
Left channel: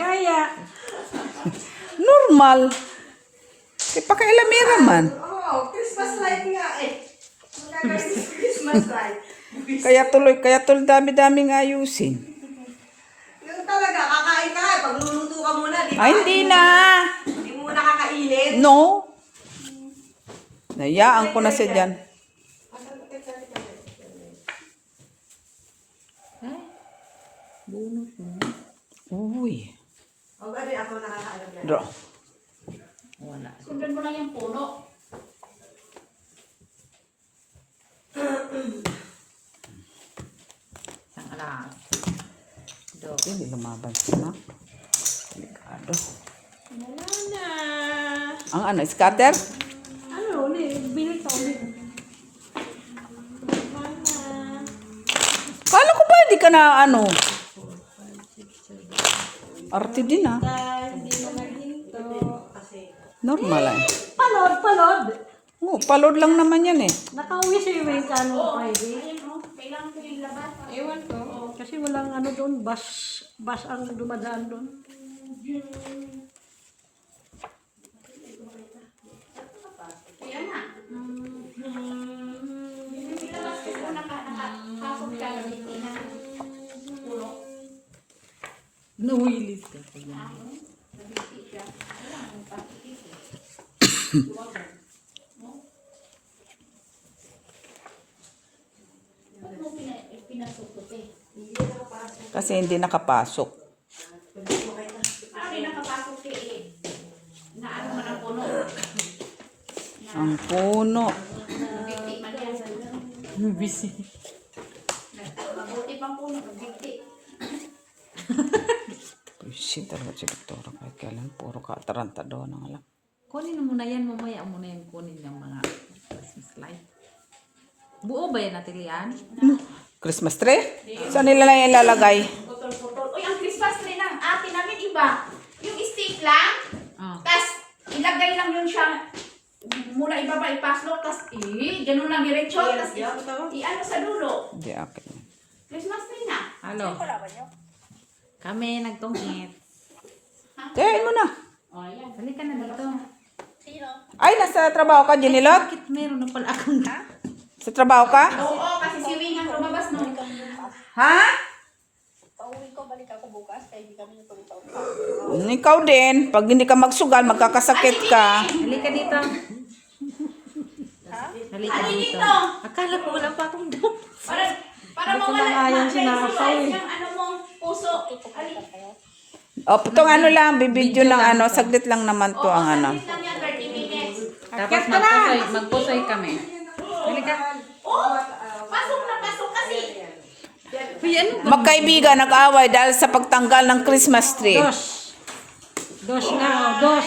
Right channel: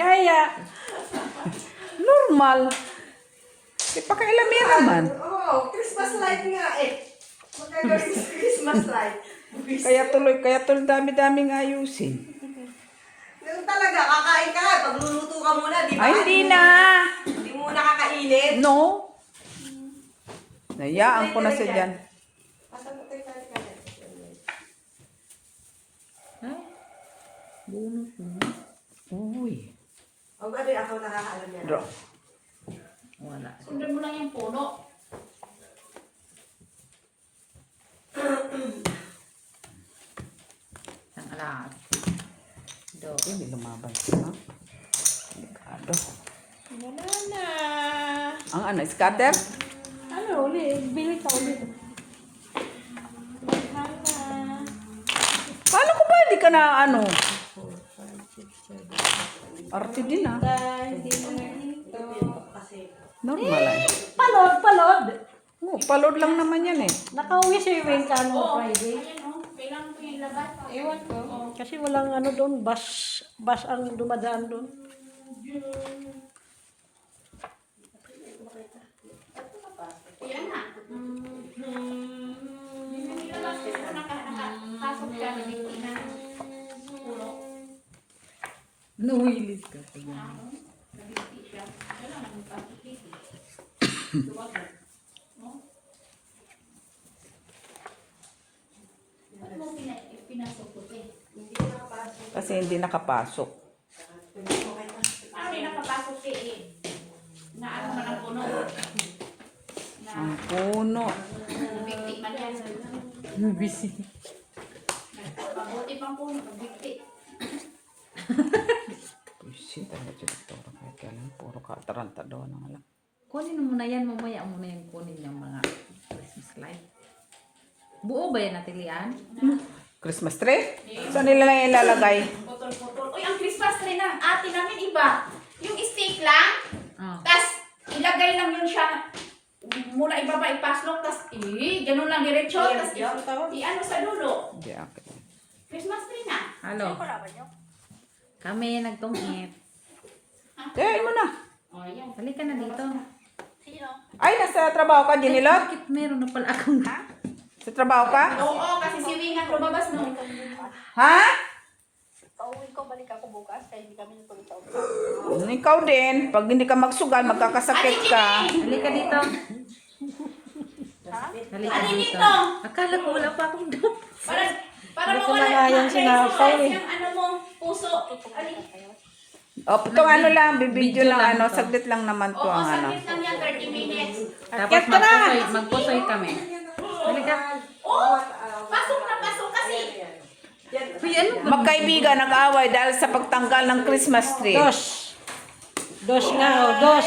Kaya, Normal. Di pa kailamira man. Oo, Christmas light nga eh. Magagawin sa Christmas light. Kaya tuloy dami-daming ayusin. Yung talaga, kakain ka. Pagluluto ka muna, di ba? Ay, hindi na. Hindi mo muna kakainit. No. Nayaan ko na siya dyan. Bunot mo. Uy. O, babi, ako nakakaalam yan. Draw. Wala. Sundan mo lang yung puno. Isang alas. Do. Hindi lumaban sila. Delikado. wala na. Ang ano, scatter? Ano, bili ka ulit. Kala ko ba hindi ka na ano? Arte din ah. Normal ah. Palod. Oo, palod lang naman yan eh. Nakauwi si Wing ka no Friday. Ayun o, kailangan ko yung laban. Ewan ko. Kasi walang ano doon, bus ang dumadaan doon. Kailan na? Nilabas ko kung nakasok ka na hindi na puno. Nawilis ka pa dyan. Nabiti siya. Wala na yung plastic. Ba't mo pinasok ko eh? Kasi hindi nakapasok. Ano yung nakapasok eh? Naano man ang puno. Ang puno. Nabiti man yan. Busy. Mabuti pang puno. Nabiti. Shit, talaga si Victoria. Kaya kailan puro katarantado ng alam. Kunin mo na yan, mamaya mo na yung kunin ng mga Christmas light. Buo ba yan natin yan? Christmas tree? Saan nila lang ilalagay? Putol-putol. Uy, ang Christmas tree ng ate namin iba. Yung stick lang. Oh. Tapos, ilagay lang yun siya. Muna ibaba, ipaslok. Tapos, ganun lang diretso. Tapos, i-ano sa dulo. Hindi, akin yan. Christmas tree na. Halo. Kami nagtungit. Kaya mo na. O, ayan. Halika na dito. Ay, nasa trabaho ka, Janilot? Bakit meron na pala akong... Sa trabaho ka? Oo, kasi si Wing ang lumabas no. Ha? Pauwi ko, balik ako bukas, kaya hindi kami natuloy sa umpisa. Ikaw din. Pag hindi ka magsugal, magkakasakit ka. Halika dito. Halika Ano dito. dito? Akala ko wala pa akong dum. Para mawala nalayan si Nasaw eh. yung ano mo, puso. Ali. O, itong ano lang, bibidyo ng ano, saglit lang naman to Oo, ang ano. saglit lang yan, 30 minutes. Tapos magpusoy kami. Halika. Oh, pasok na pasok kasi. Uy, ano ba? Magkaibigan nag-away dahil sa pagtanggal ng Christmas tree. Dos nga, dos.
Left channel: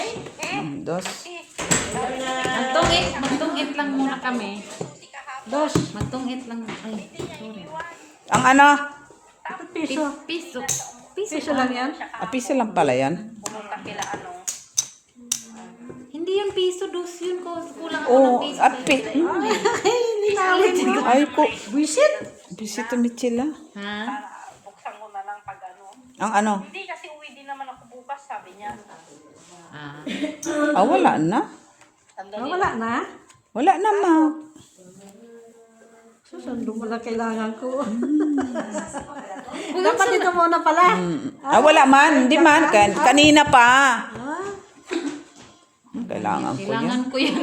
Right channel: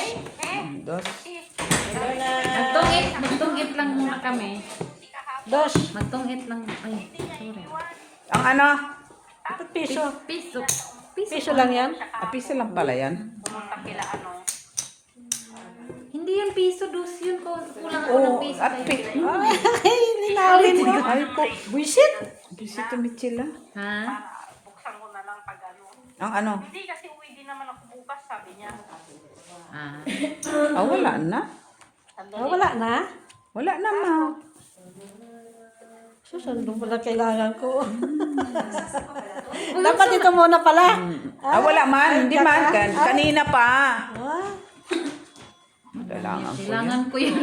Dos. Magtungit lang muna kami. Dos. Magtungit lang. Ay, sorry. Ang ano? Piso. Piso. Piso lang yan. Piso lang pala yan. Pumunta kila ano. Hindi yun piso, dos yun. Kulang ako ng Oo, piso. api. Linawin mo. Ay ko. Buisit. Bisito Michila. Ha? Para buksan ko na lang pag ano. Ang ano? Hindi kasi uwi din naman ako bukas, sabi niya. Ah. Wala na. Sandali. Wala na. Wala na, ma. Susundo mo lang kailangan ko. Dapat ito muna pala. Wala man. Hindi man. Kanina pa. Kailangan ko yan. Kailangan ko yan.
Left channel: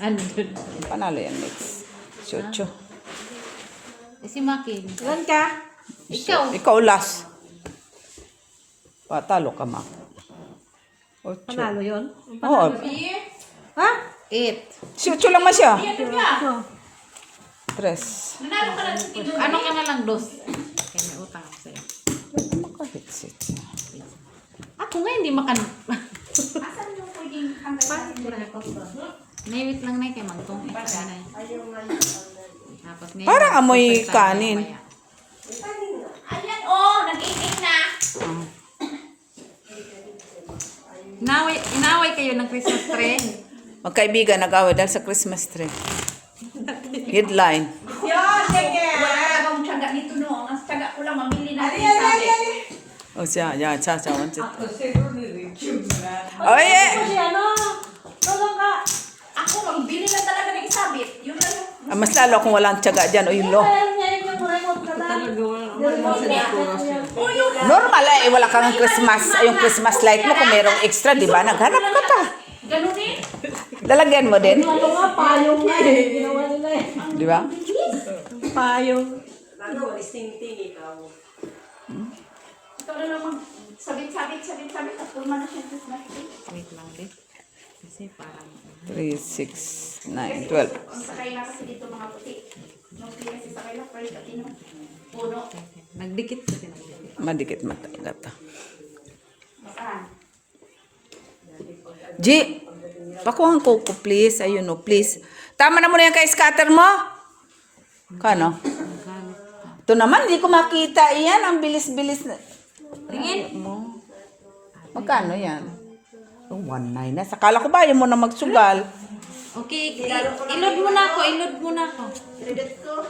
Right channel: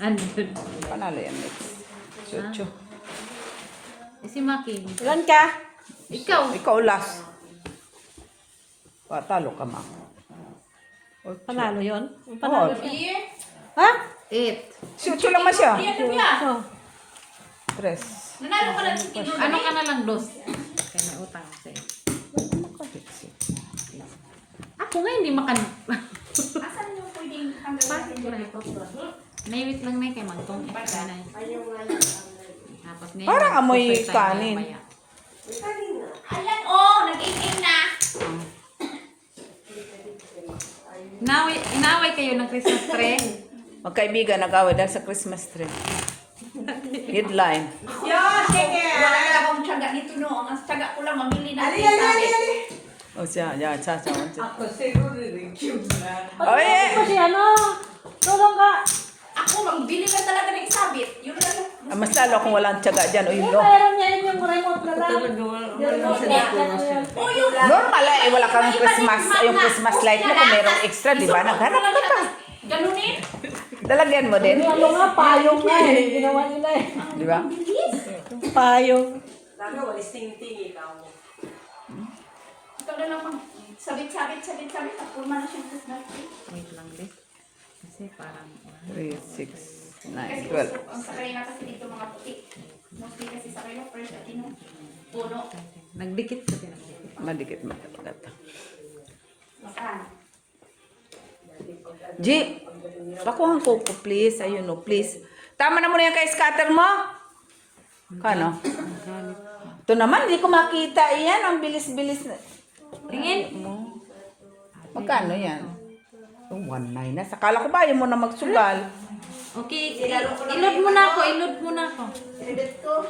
Andun. Panalo yan, next. Chucho. Si Maki. Ilan ka? Ikaw. Ikaw last. Patalo ka, ma. Ocho. Panalo yun? Oo. Ha? 8. Chucho lang ma siya. Iyan niya. Oh. Tres. Nanalo ka lang sa tigil. Ano ka na lang, dos? Kaya may utang ako sa'yo. Kapitsit. Ako nga hindi makan... Asan yung pwedeng hanggang natin yung May wait lang na kay Mangtong. Hapon Tapos ngayon, Parang amoy pupunta kanin. mamaya. Ayan, oh, nag-iing na. Inaway kayo ng Christmas tree. Magkaibigan, nag-away dahil sa Christmas tree. Headline. Yan, sige. Wala na akong tiyaga nito no. Ang tiyaga ko lang, mamili na Ali, ali, ali, ali. O siya, yan, siya. Ako siguro rin na. Oh, yeah. Kasi ano, tulong ka. Ako, magbili na talaga ng isabit. Yun na yung... Ah, mas lalo kung walang tiyaga dyan, o yun lo. Meron niya yung remote ka na. Oh, yun. Normal eh, wala kang Christmas, yung Christmas light mo, kung merong extra, di ba? Naghanap ka pa. Ganunin. Dalagyan mo din, Ano nga, payong nga eh. Ginawa nila eh. di ba? Payong. Lalo, walis ting-ting ikaw. Ito na naman. Sabit. At pulma na siya ng Christmas tree. Wait lang din. Kasi parang... 3, 6, 9, 12. Ang sakay na kasi dito mga puti. Mostly kasi sakay na fresh at tinong puno. Nagdikit kasi nagdikit. Madikit matagat. Masahan. G, pakuhan ko please. Ayun o, please. Tama na muna yan kay scatter mo. Kano? Ito naman, hindi ko makita yan. Ang bilis-bilis na. Tingin. Magkano yan? Oh, 1.9 na. Sakala ko ba ayaw mo na magsugal? Okay, ilod mo na ako. Edit ko.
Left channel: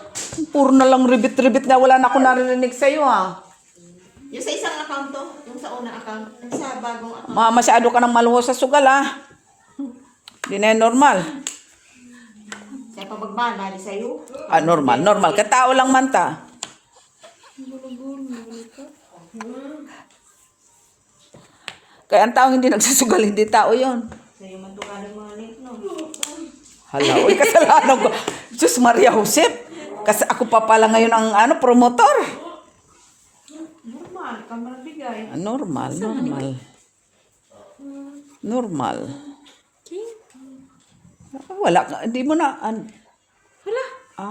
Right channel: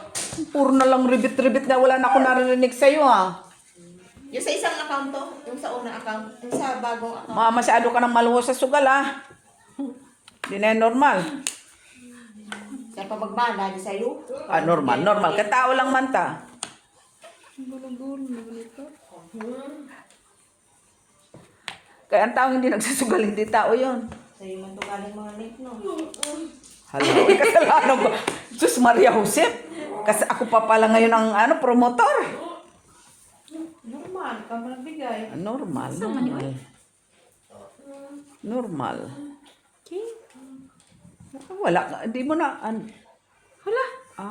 Puro na lang ribit-ribit na wala na ako narinig sa'yo ha. Yung sa isang account to, yung sa unang account, yung sa bagong account. Masyado ka ng maluho sa sugal ha. Hindi na yan normal. Sa pagbagmana, di sa'yo. Ah, normal. Katao lang man ta. Kaya ang taong hindi nagsusugal, hindi tao yon. Sa'yo man ito galing mga nip, no? Hala, may kasalanan ko. Diyos Maria Josep. Kasi ako pa pala ngayon ang promotor. Normal, ikaw magbigay. Normal. Wala ka. Hindi mo na. Hala.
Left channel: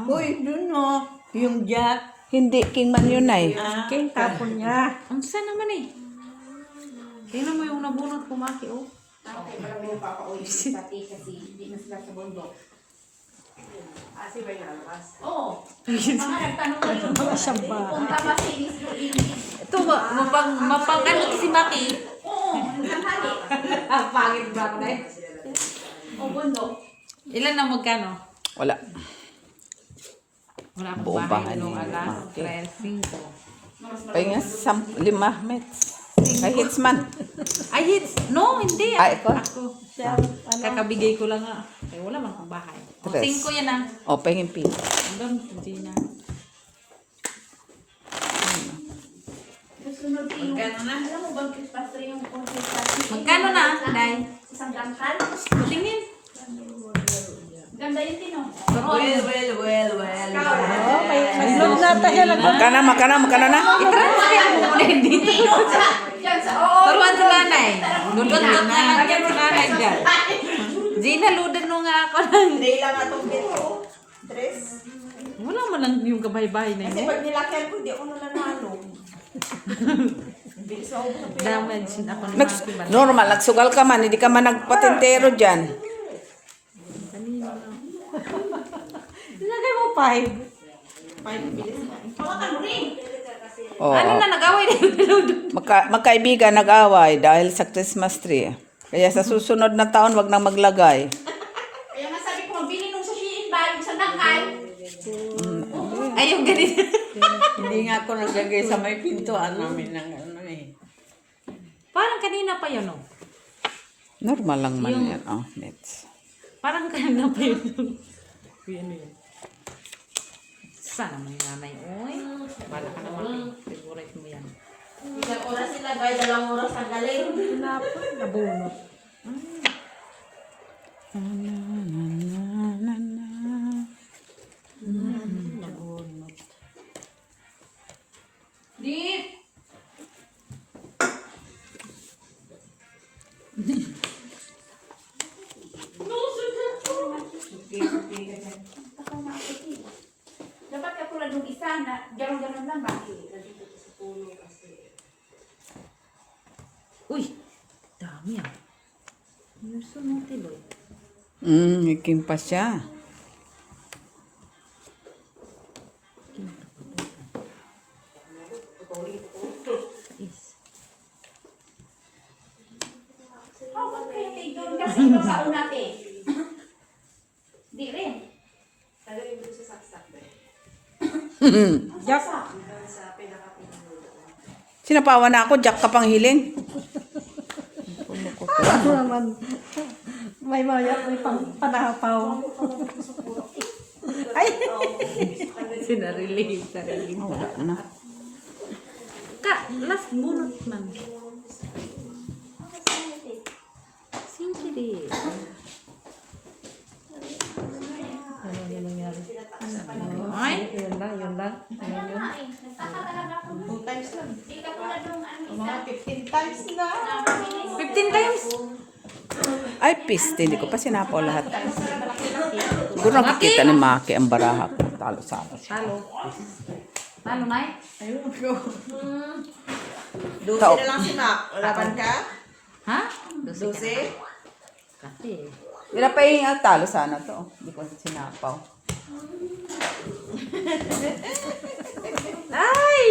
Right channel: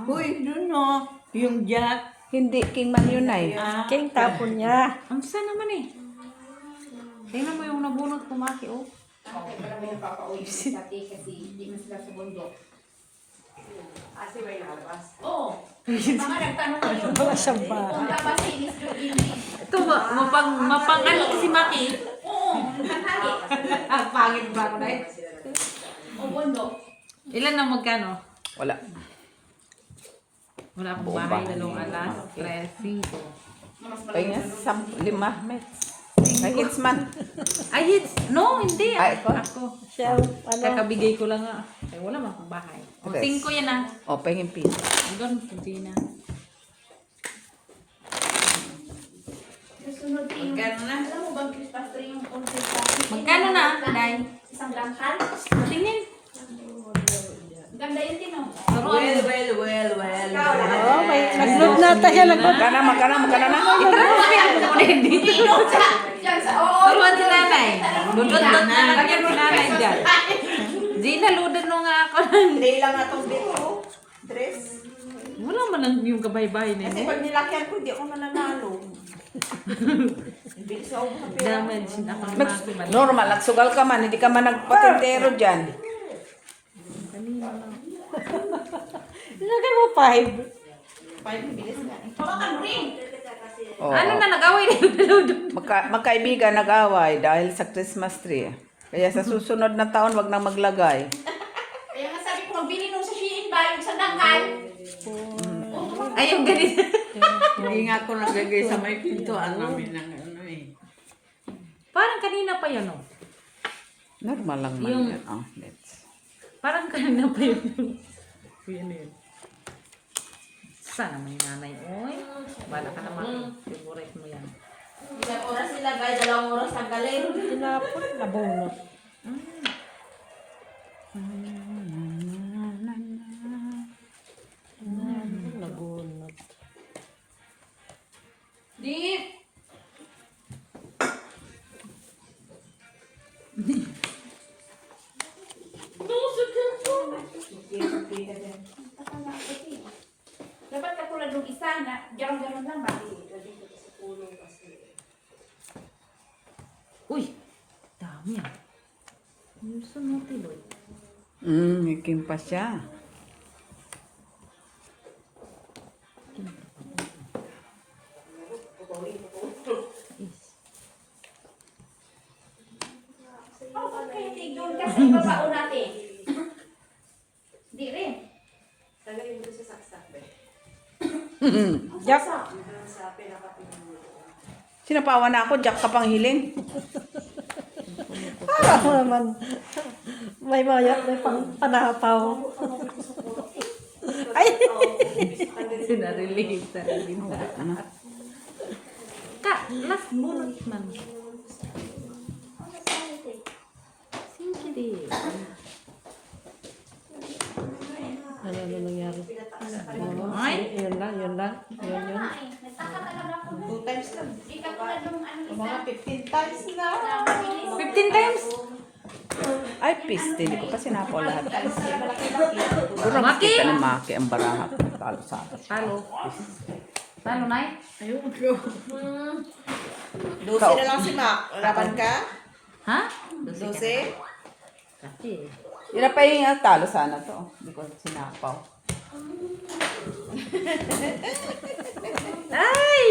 Uy, dun no. Yung jack. Hindi. King man yun ay. King tapon niya. Ang saan naman eh. Tingnan mo yung nabunot kumaki oh. Okay, marami na papauwi pati kasi hindi na sila sa bundok. Asi ba yung nakalabas? Oo. Mga nagtanong kayo. Wala siyang bahay. Kung tama si Miss Luigi. Ito ba, mapang ano si Maki? Oo, nagtanghali. Ang pangit ba ako na eh? O bundok. Ilan na magkano? Wala. Wala akong Buong bahay bahay nung na yun. alas. Okay. 3, 5. Ay nga, 5 minutes. Ay, hits man. Ay, hits. No, hindi. Ay, ikaw? Ako. Siya, Kakabigay ko lang nga. Eh, wala man akong bahay. O, Tres. 5 yan ah. O, pahingin piso. Doon, Gina. Susunod yung... Alam mo bang Christmas tree yung Christmas tree? Magkano na, Day? Isang dangkal? Tingin. Ganda yun din, oh. Turuan mo. oh, may nag-load na tayo. Magkano na? Diyan sa... Oo. Turuan si nanay. Gulot na lagyan si nanay dyan. Gina, ludan mo nga ako. Hindi lang nga itong bit ko. Dress. Wala man lang yung kabay-bahay na Kasi yun. pag nilakyan ko, di ako mananalo. Bilis ako sa pera. Damage na ako ng Normal, nagsugal ka man. Hindi ka man nagpatintero dyan. Lagay mo 5. Hawakan mo rin. Oh. Ano na, nag-away na yung Magkaibigan nag-away dahil sa Christmas tree. Kaya sa susunod na taon, wag nang maglagay. Kaya nga sabi ko, magbili nung sa Shein ba, yung sa dangkal. Ay, yung ganito. Hindi nga ako naglagay sa may pintuan namin ng ano eh. Parang kanina pa yun, oh. Normal lang man Yung- yan. Oh, nets. Parang kanina pa yun. Uy, ano yun? Sana may nanay. Uy, bala ka naman. Favorite mo yan. Ilang oras sila, guys? 2 oras ang galing. Abunot. Di. Dapat katulad ng isa na garang-garang lang ba? Uy, dami ah. Yung sunod, Tiloy. Hiking pa siya. Bakit kayo tigil? Kasi ibabaon natin. Di rin. Tagalin mo doon sa saksak, be. Jack, Sa pinaka-pinag-ulo. Sinapawa na ako, Jack ka pang hiling. ano naman. May mayak, may panahapaw. Ay! Sinarili, sarili na. Ano? Ka, last bunot man. Singkiri. Ano na nangyari? Ay, Yun lang, yun lang. Kaya nga eh. Nagkakatalaga ako nun. 2 times lang. Di ka tulad nung ano isa. Mga 15 times na. Na makinis. 15 times? Ay, piste. Hindi ko pa sinapaw lahat. Doon nakikita ni Maki ang baraha. Talo sa akin. Talo. Talo, Nay? Ayun ko. 12 na lang si Mac. Laban ka? Ha? 12? Kasi. Wala pa yung talo sana to. Hindi ko sinapaw. Ay!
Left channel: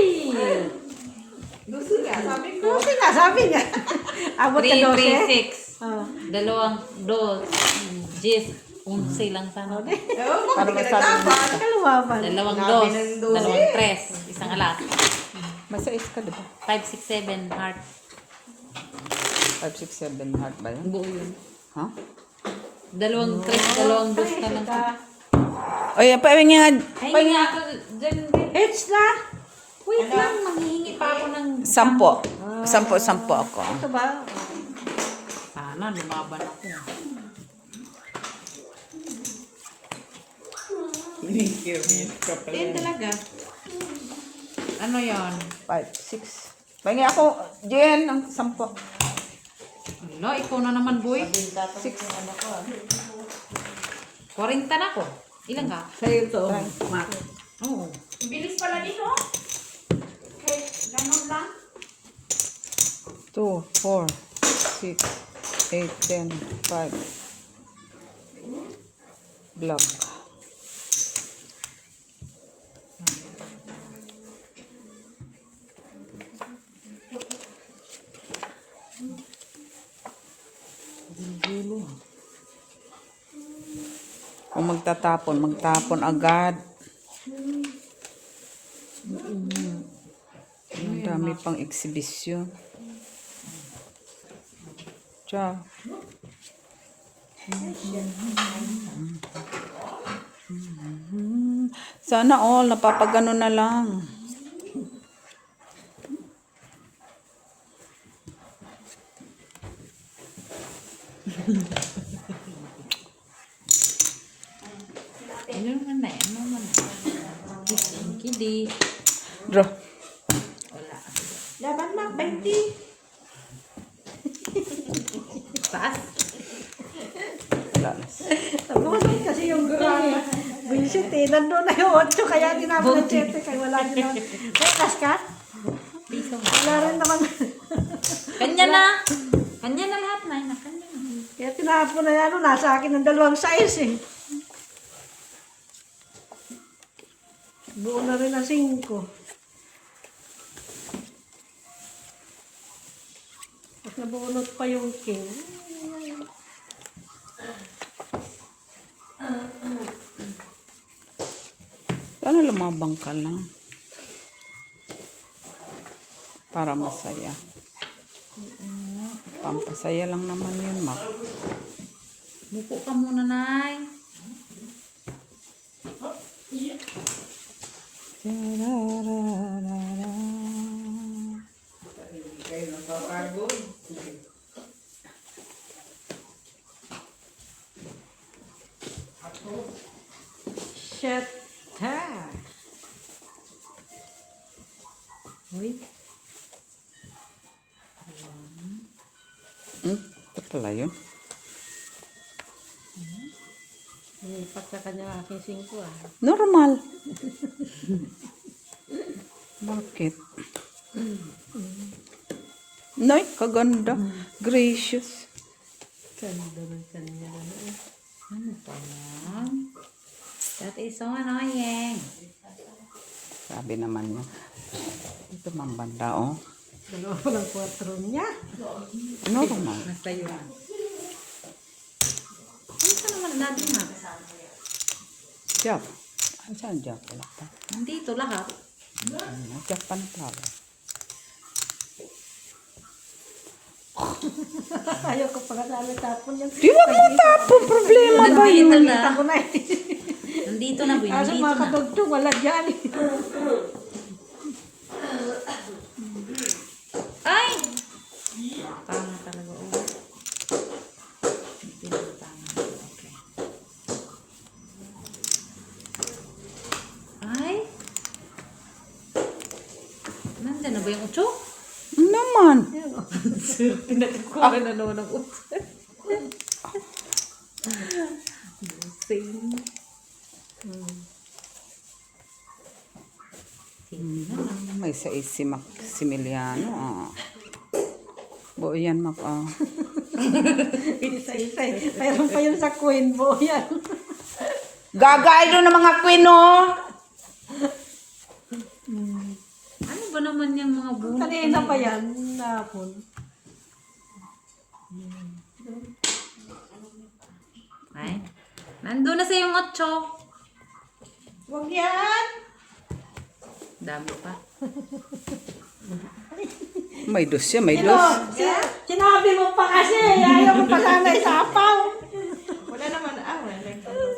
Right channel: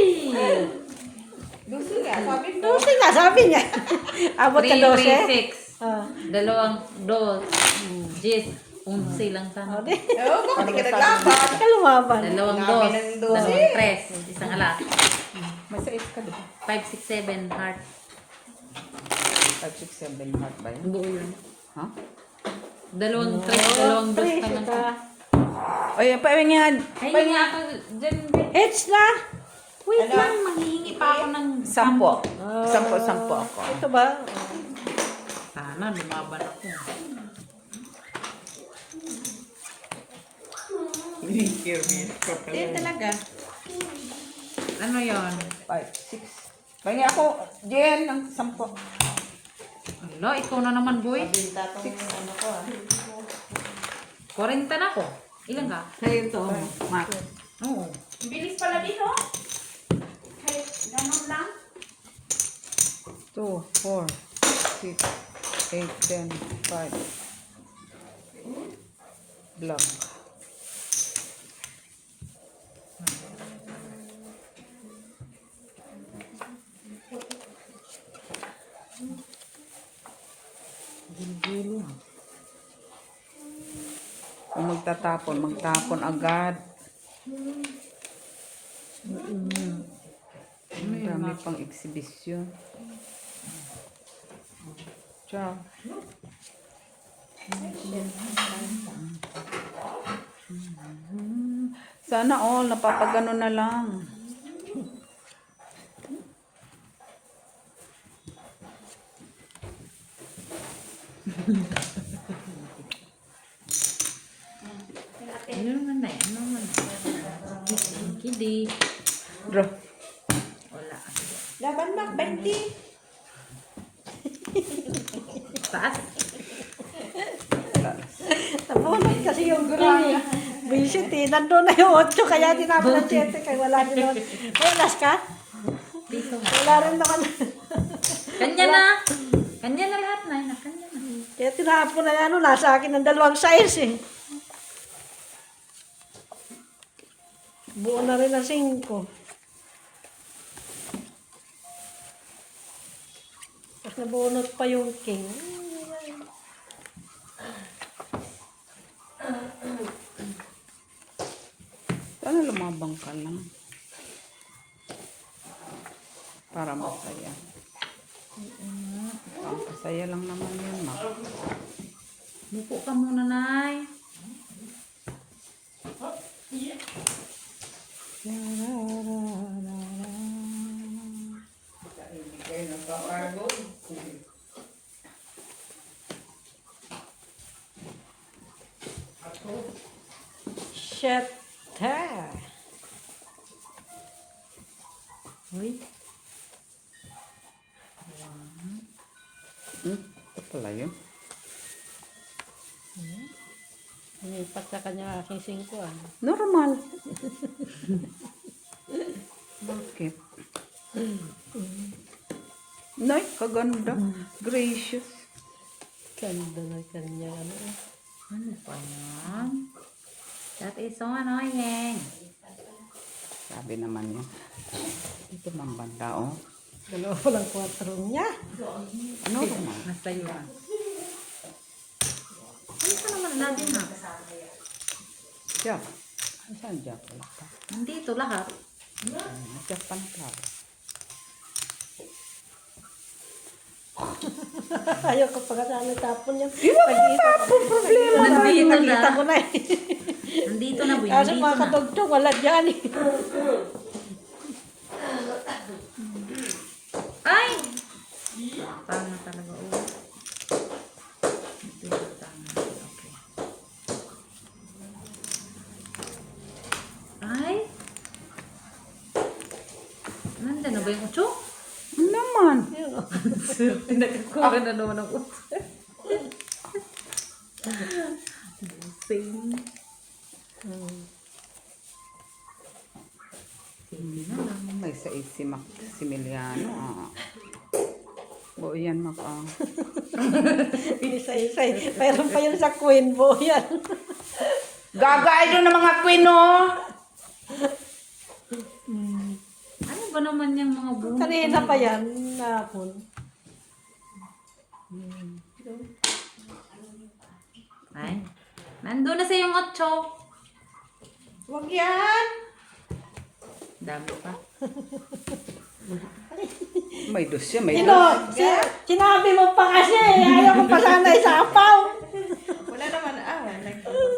12 nga, sabi ko. Kasi nga, sabi niya. Abot ka 3, 12. 3, 6. Dalawang, dos, 10, 11 lang sana. Ewan ko, hindi ka naglaban. Kalumaban. Dalawang Dami dos, ng dos. dalawang tres, isang alas. May 6 ka, diba? 5, 6, 7, heart. 5, 6, 7 heart ba yun? Buo yun. Ha? Dalawang tres, dalawang dos na lang. Ay, pahingi nga. Ay, nga ako dyan din. It's na. Wait lang, manghihingi pa ako ng 10. 10 ako. Ito ba? Sana, lumaban ako. Yan talaga. Ano yon? 5, 6. Pahingi ako, Jen, ng 10. Hello, ikaw na naman, boy. 6. 40 na ako. Ilan ka? Sa'yo to. Mak. Oo. Ang bilis pala dito. Kahit ganun lang. 2, 4, 6, 8, 10, 5. Block. Gulo ha. Kung magtapon agad. Ang dami pang eksibisyon. Ciao. Sana all, napapagano na lang. Ano naman na eh? Ano naman na? Kidi. Draw. Wala. Laban Mac, 20. Taas. Nabunod kasi yung visit eh. Nandun na yung 8 kaya tinapon ng 7 kaya wala din naman. May last ka? Piso. Wala rin naman. Kanya na. Kanya na lahat na. Kanya na. Kaya tinapon na yan. Nasa akin ng 2 size eh. Buo na rin ang 5. Tapos nabunot pa yung king. Sana lumabang ka lang. Para masaya. Pampasaya lang naman yun, Mak. Buko ka muna, Nay. Shut ha. Uy. Ito pala yun. Lipat sa kanya aking 5 ah. Normal. Bakit? Nay, kaganda. Gracious. Ganda na kanya. Ano pa yan? That is so annoying. Sabi naman niya. Ito mang banda, oh. Dalawa pa ng 4 niya. Ano ba na? Nasa yun. Ano pa naman natin na? Jack. Saan Jack? Wala pa. Nandito lahat. Jack pa na pala. Ayaw ko pa kasali tapon yung... Di mo matapon problema. Nandito Nakita na. ko na eh. Nandito na, boy. Kaso Nandito mga na. kadugtong, wala dyan eh. Ay! Parang na talaga. Oh. Dito na tama. Okay. Ay! Nandyan na ba yung 8? Naman. Pinagkuha na naman ng 8. May sa si Maximiliano. O yan mak. Inisa-isa eh. Mayroon pa yun sa Queen Bo yan. Gagay doon ng mga queen, oh. Ano ba naman yung mga bunot? Kanina pa yan. Napon. Ay, nandun na sa yung 8. Huwag yan! Dami pa. May dos siya, may Ito, dos. sinabi mo pa kasi. Ayaw mo pa sana isapaw. Wala naman,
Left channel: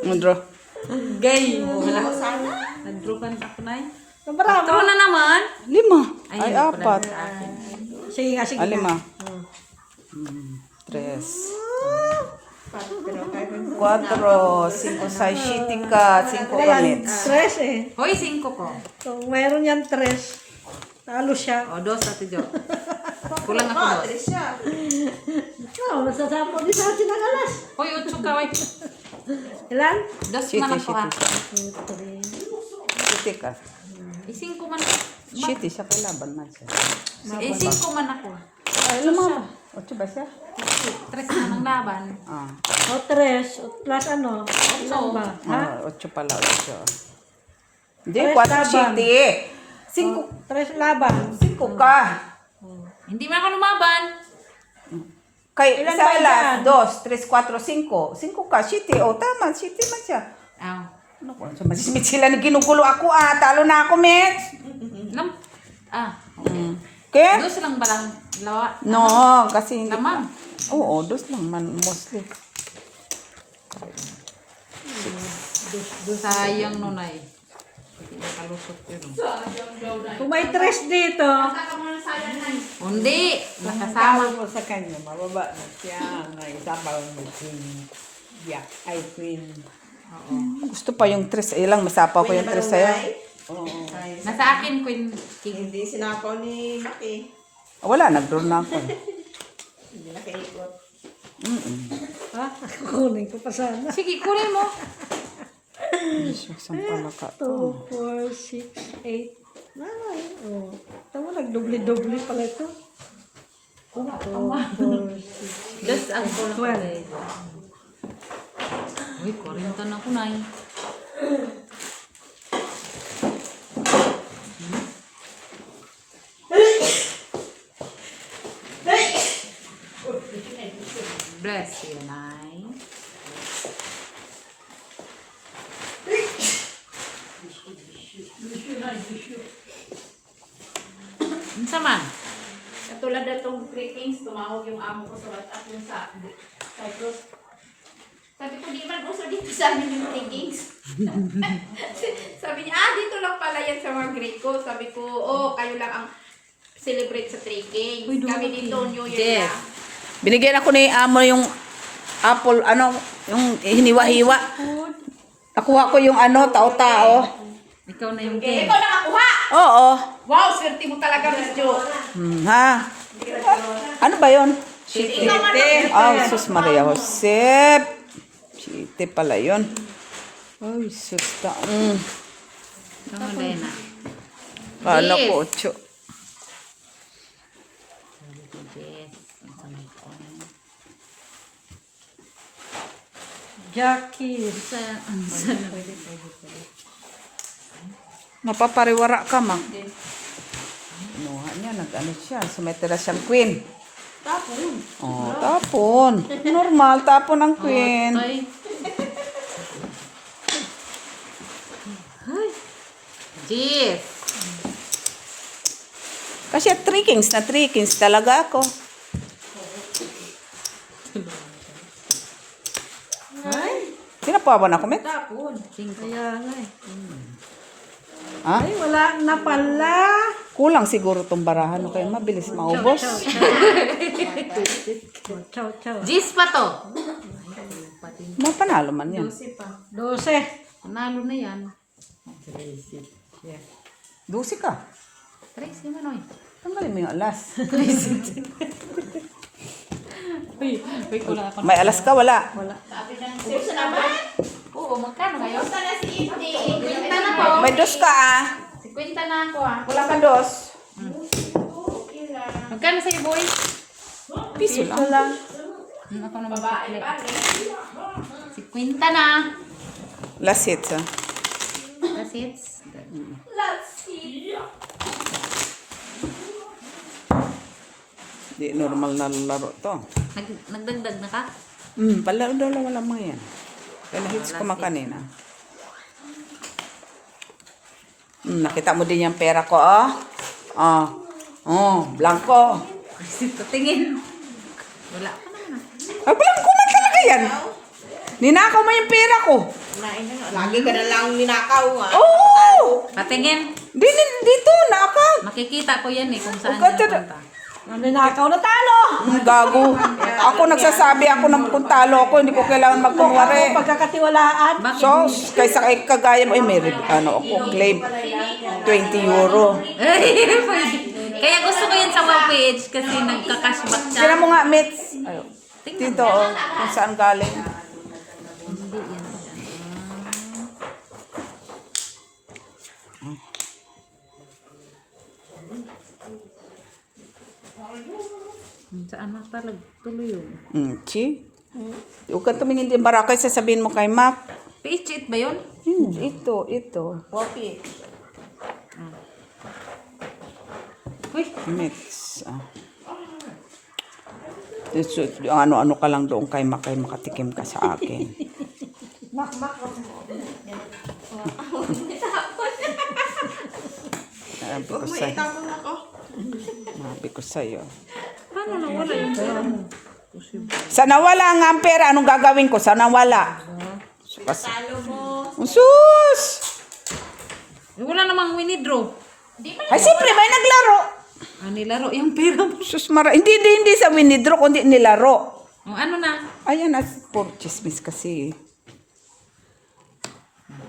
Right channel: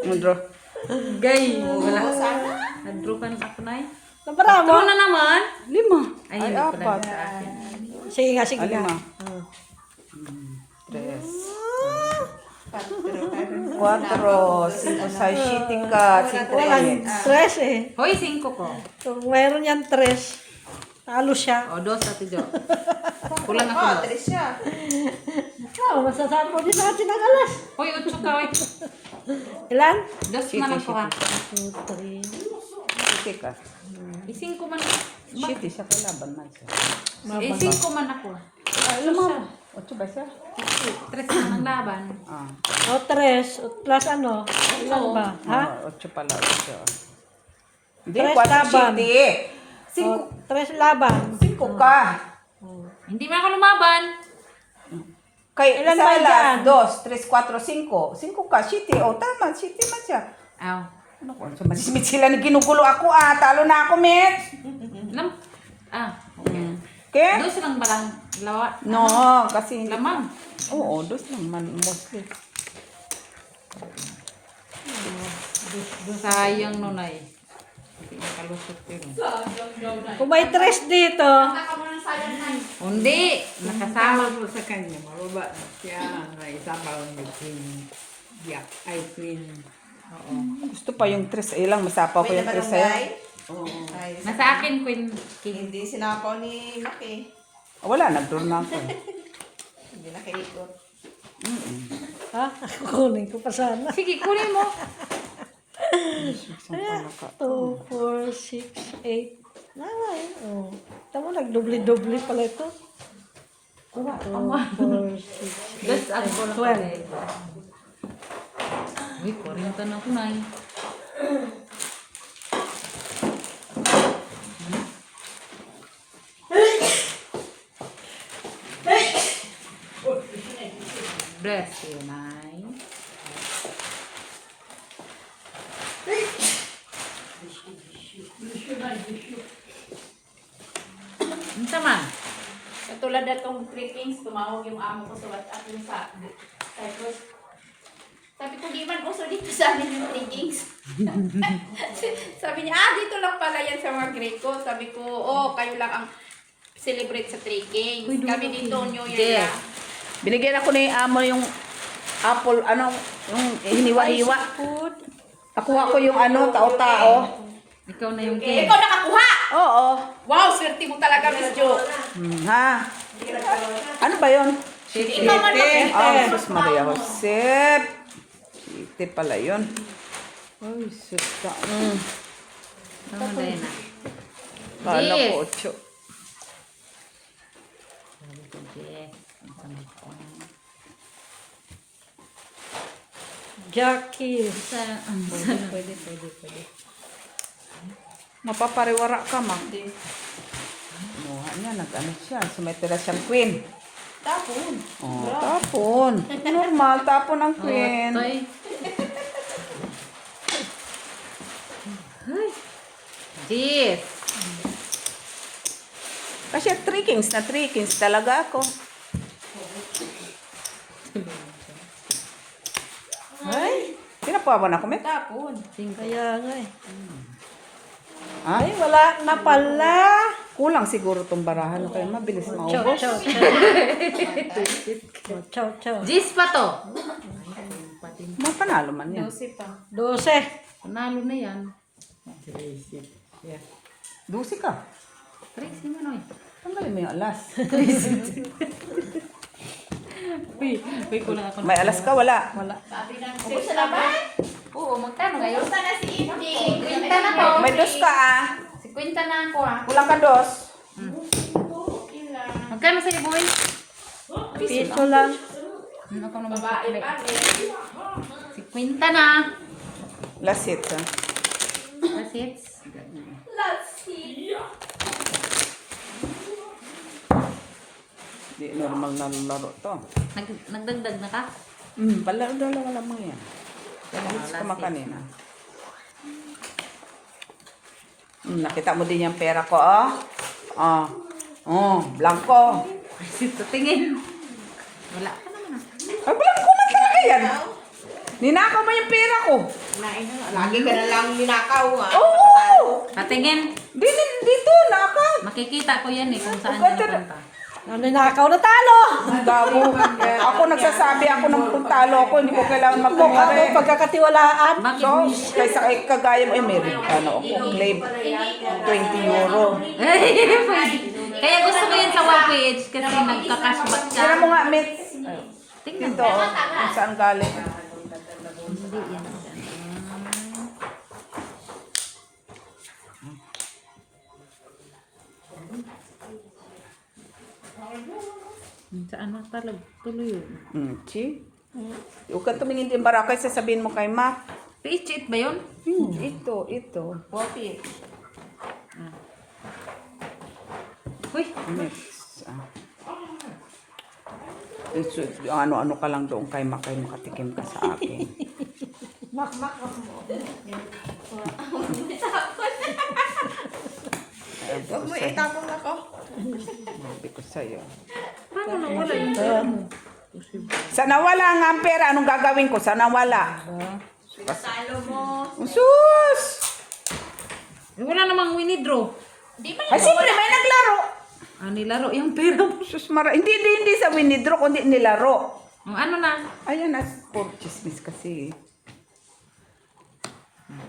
Andro. Gay! Wala ko sana. Nag-groupan ako na eh. Nabarama. Ikaw na naman. 5. Ay, Ay, hindi ko na 4. sa akin. Sige nga, sige nga. 5. 3. 4. 5 sa shitika. 5 ulit. Stress eh. Hoy, 5 ko. Kung mayroon yan tres, talo siya. O, 2 Ate Jo. Kulang ako 2. Alis siya. Oh, masasapo din natin ang alas. Hoy, 8 ka, wait. Ilan? 2 man ako ha. 3. Shitika. 5 man. Shiti siya kalaban na siya. 5 man ako. Ay, alam mo. 8 ba siya? 3 man ang laban. Ah. O tres, plus ano? Ilan ba? Ha? 8 pala siya. Hindi, Tres 4 laban. shiti. 5 Tres laban. ka. Hindi man ako lumaban. Kay Ilan isa ba alas, dyan? 2, 3, 4, 5. 5 ka, shiti. O, tama, shiti man siya. Aw. Ano ko? So, masismit sila na ginugulo ako. Talo na ako, Mitch. Okay. Okay? 2 lang ba lang? Lawa? No, kasi hindi. Lamang. Oo, 2 lang man, mostly. Sayang nunay. Hindi nakalusot yun. Kung may tres dito, Hindi. Nakasama. Tawag mo sa kanya, mababa na siya. Naisabaw ni Queen Jack. Ay, Queen. Oo. Gusto pa yung 3. Ilang, masapa pa yung 3 sa'yo. Oo. Nasa akin, Queen King. Hindi sinapaw ni Maki. Wala, nag-draw na ako. Hindi nakaikot. ha? Kukunin ko pa sana. Sige, kunin mo. Isang pala ka. 2, 4, 6, 8. Ah, yun. Oh. Tama, nagdobli-dobli pala ito. Kuha. 2, 4, 6. Just add ko na pala. Uy, 40 na ako na eh. Bless you, Nay. Unsa man? Katulad na itong clippings, tumawag yung amo ko sa WhatsApp yung sa Cyprus. Sabi ko, di man uso dito sa amin yung clippings. Sabi niya, dito lang pala yan sa mga Greco. Sabi ko, kayo lang ang celebrate sa trekking. Kami dito, New Year Yes. lang. Binigyan ako ni Amo yung apple, yung hiniwa-hiwa. Nakuha ko yung tao-tao. Ikaw na yung king. Ikaw nakakuha! Oo. Wow, swerte mo talaga, Miss Jo. Ha? Ano ba yun? Ikaw man Jesus Maria Josep. Chite pala yun. Ay, sus ka. Tama din na. Kala Yes. ko 8. Yes. Ang kunin ko. Jackie. Pwede. Mapapariwara ka, ma. Muha niya, nag-ano siya. Sumetira siyang queen. Tapon. Oh, tapon. Normal, tapon ang queen. Ay. Ay. Jeez. Kasi 3 kings na 3 kings talaga ako. Ay, Pinapawa na ako, Met. tapon. Kaya nga eh. Ha? Ay, wala na pala. Kulang siguro tong barahan kaya mabilis maubos. Chow, chow. Jeez pa to. Mapanalo man yan. 12. Panalo na yan. 12 ka. Tracy Manoy. Tanggalin mo yung alas. Uy, kulang ako. May alas ka, wala. Sabi lang, sir, salamat. Oo, magkano ngayon? Kumusta na si Indy? Kwenta na po. May 2 ka ah. Si Kwenta na ako ah. Kulang ka 2. Magkano sa'yo, boy? Piso lang. Ako naman Babae pakli. pa. Si Quinta na. Last hit, ah. That's it. Di normal na laro to. Nagdagdag na ka? Palaro daw wala mo yan. Kaya hits ko makanina. Nakita mo din yung pera ko, oh. Blanco. Sito tingin. Wala ka naman. Blanco na talaga yan. Ninakaw mo yung pera ko. Lagi ka na lang ninakaw, ha? Oo! Patingin. Dito, nakaw. Makikita ko yan eh kung saan Huwag ka yan punta. Ang ninakaw na talo. Gago. Ako nagsasabi ako ng kung talo ako, hindi ko kailangan Ako magpukare. pagkakatiwalaan. Bakit? So, kaysa kagaya mo, meron ako, claim 20 euro. Kaya gusto ko yun sa web page kasi nagka-cashback siya. Kaya mo nga, Mitz. Tingnan. Dito, oh, kung saan galing. Hindi yan. Saan na talaga? Tuloy yun. Chi? Huwag ka tumingin din barakay, sasabihin mo kay Mac. Page 8 ba yun? Ito. 40. Uy, Mitz. Yung ano-ano ka lang doon kay Mac, kay makatikim ka sa akin. Huwag mo itapon ako. Sabi ko sa'yo. paano na wala yung pera mo? Sa nawala nga ang pera, anong gagawin ko? Sa nawala. Talo mo. Sus! Eh, wala namang winidraw. Ay, siyempre, may naglaro. Nilaro yung pera mo. Sus, hindi sa winidro, kundi nilaro. Ano na? Ayan, at po, chismis kasi.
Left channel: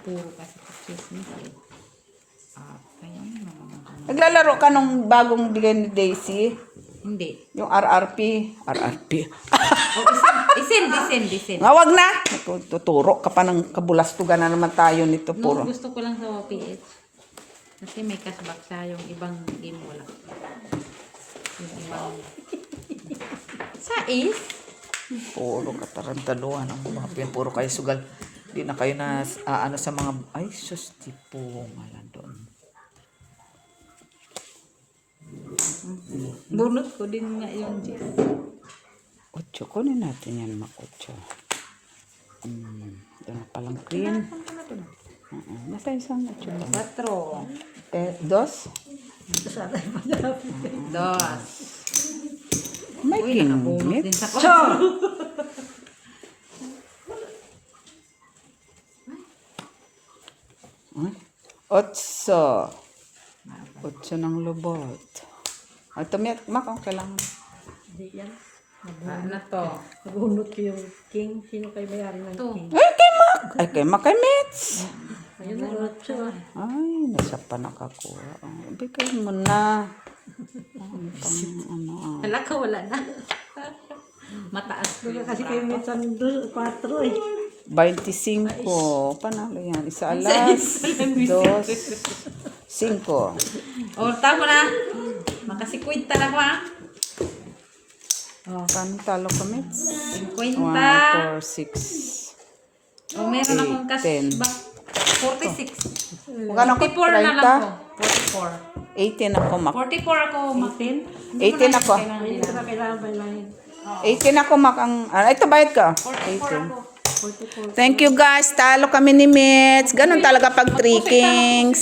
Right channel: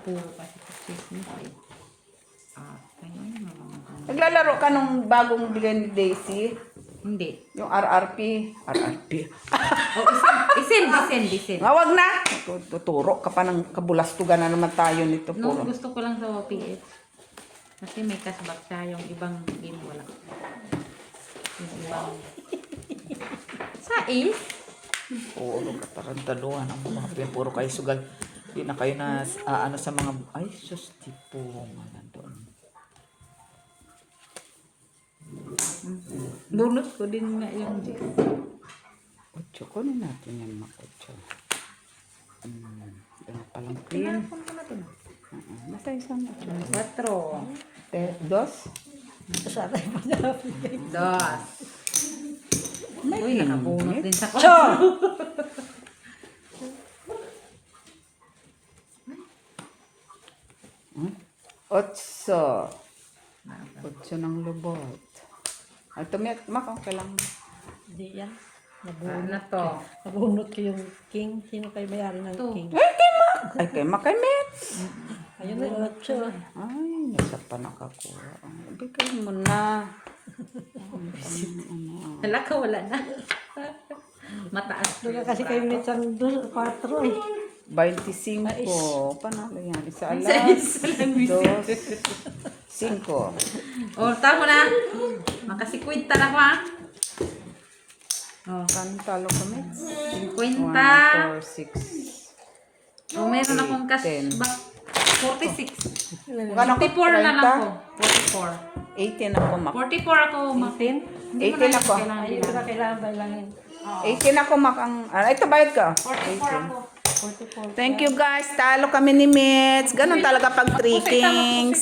Puro kasi chismis eh. Kaya ano na naman. Naglalaro ka nung bagong bigay ni Daisy. Hindi. Yung RRP. Oh, isin. Nga, wag na. Tuturo ka pa ng kabulastugan na naman tayo nito. No, Puro. gusto ko lang sa PH. Kasi may cashback siya, yung ibang game wala. Yung ibang... Sais? Puro katarantaluhan ang mga puro kayo sugal. Di na kayo na ano sa mga ay sus tipo ngayon doon. Bunot ko din nga yung chicken. 8, kunin natin yan mga 8. Yan palang queen. Nasa isang 8. 4. 2. Dos. May Uy, nakabunot din sa Cho! 8. 8 ng lubot. Ay, tumiyak. Mak, okay lang. Hindi yan. Ano to? Nabunot ko yung king. Sino kayo mayari ng Two. king? Ay, kay Mak. Ay, kay Mak, kay Mitz. Ayun na, bunot siya. Ay, nasa pa nakakuha. Bigay mo na. Wala ka, wala na. Mataas ko Wala yun. kasi kayo may 4 eh. 25. Panalo yan. Isa alas. 2. 5. Oh, tama na. Makasikwenta na ko ha. Oh, kami talo ko, Mitz. 50. 1, 4, 6. Oh, meron akong 10. cashback. 46. Magkano ako? 44 na lang 30? ko. 44. 18 ako, Mak. 44 ako, Makin. 18 ako. Hindi ko na kailangan bailangin. 18 ako, Mak. Ito, bayad ka. 44 ako. Thank you, guys. Talo kami ni Mitch. Ganun talaga pag 3 kings.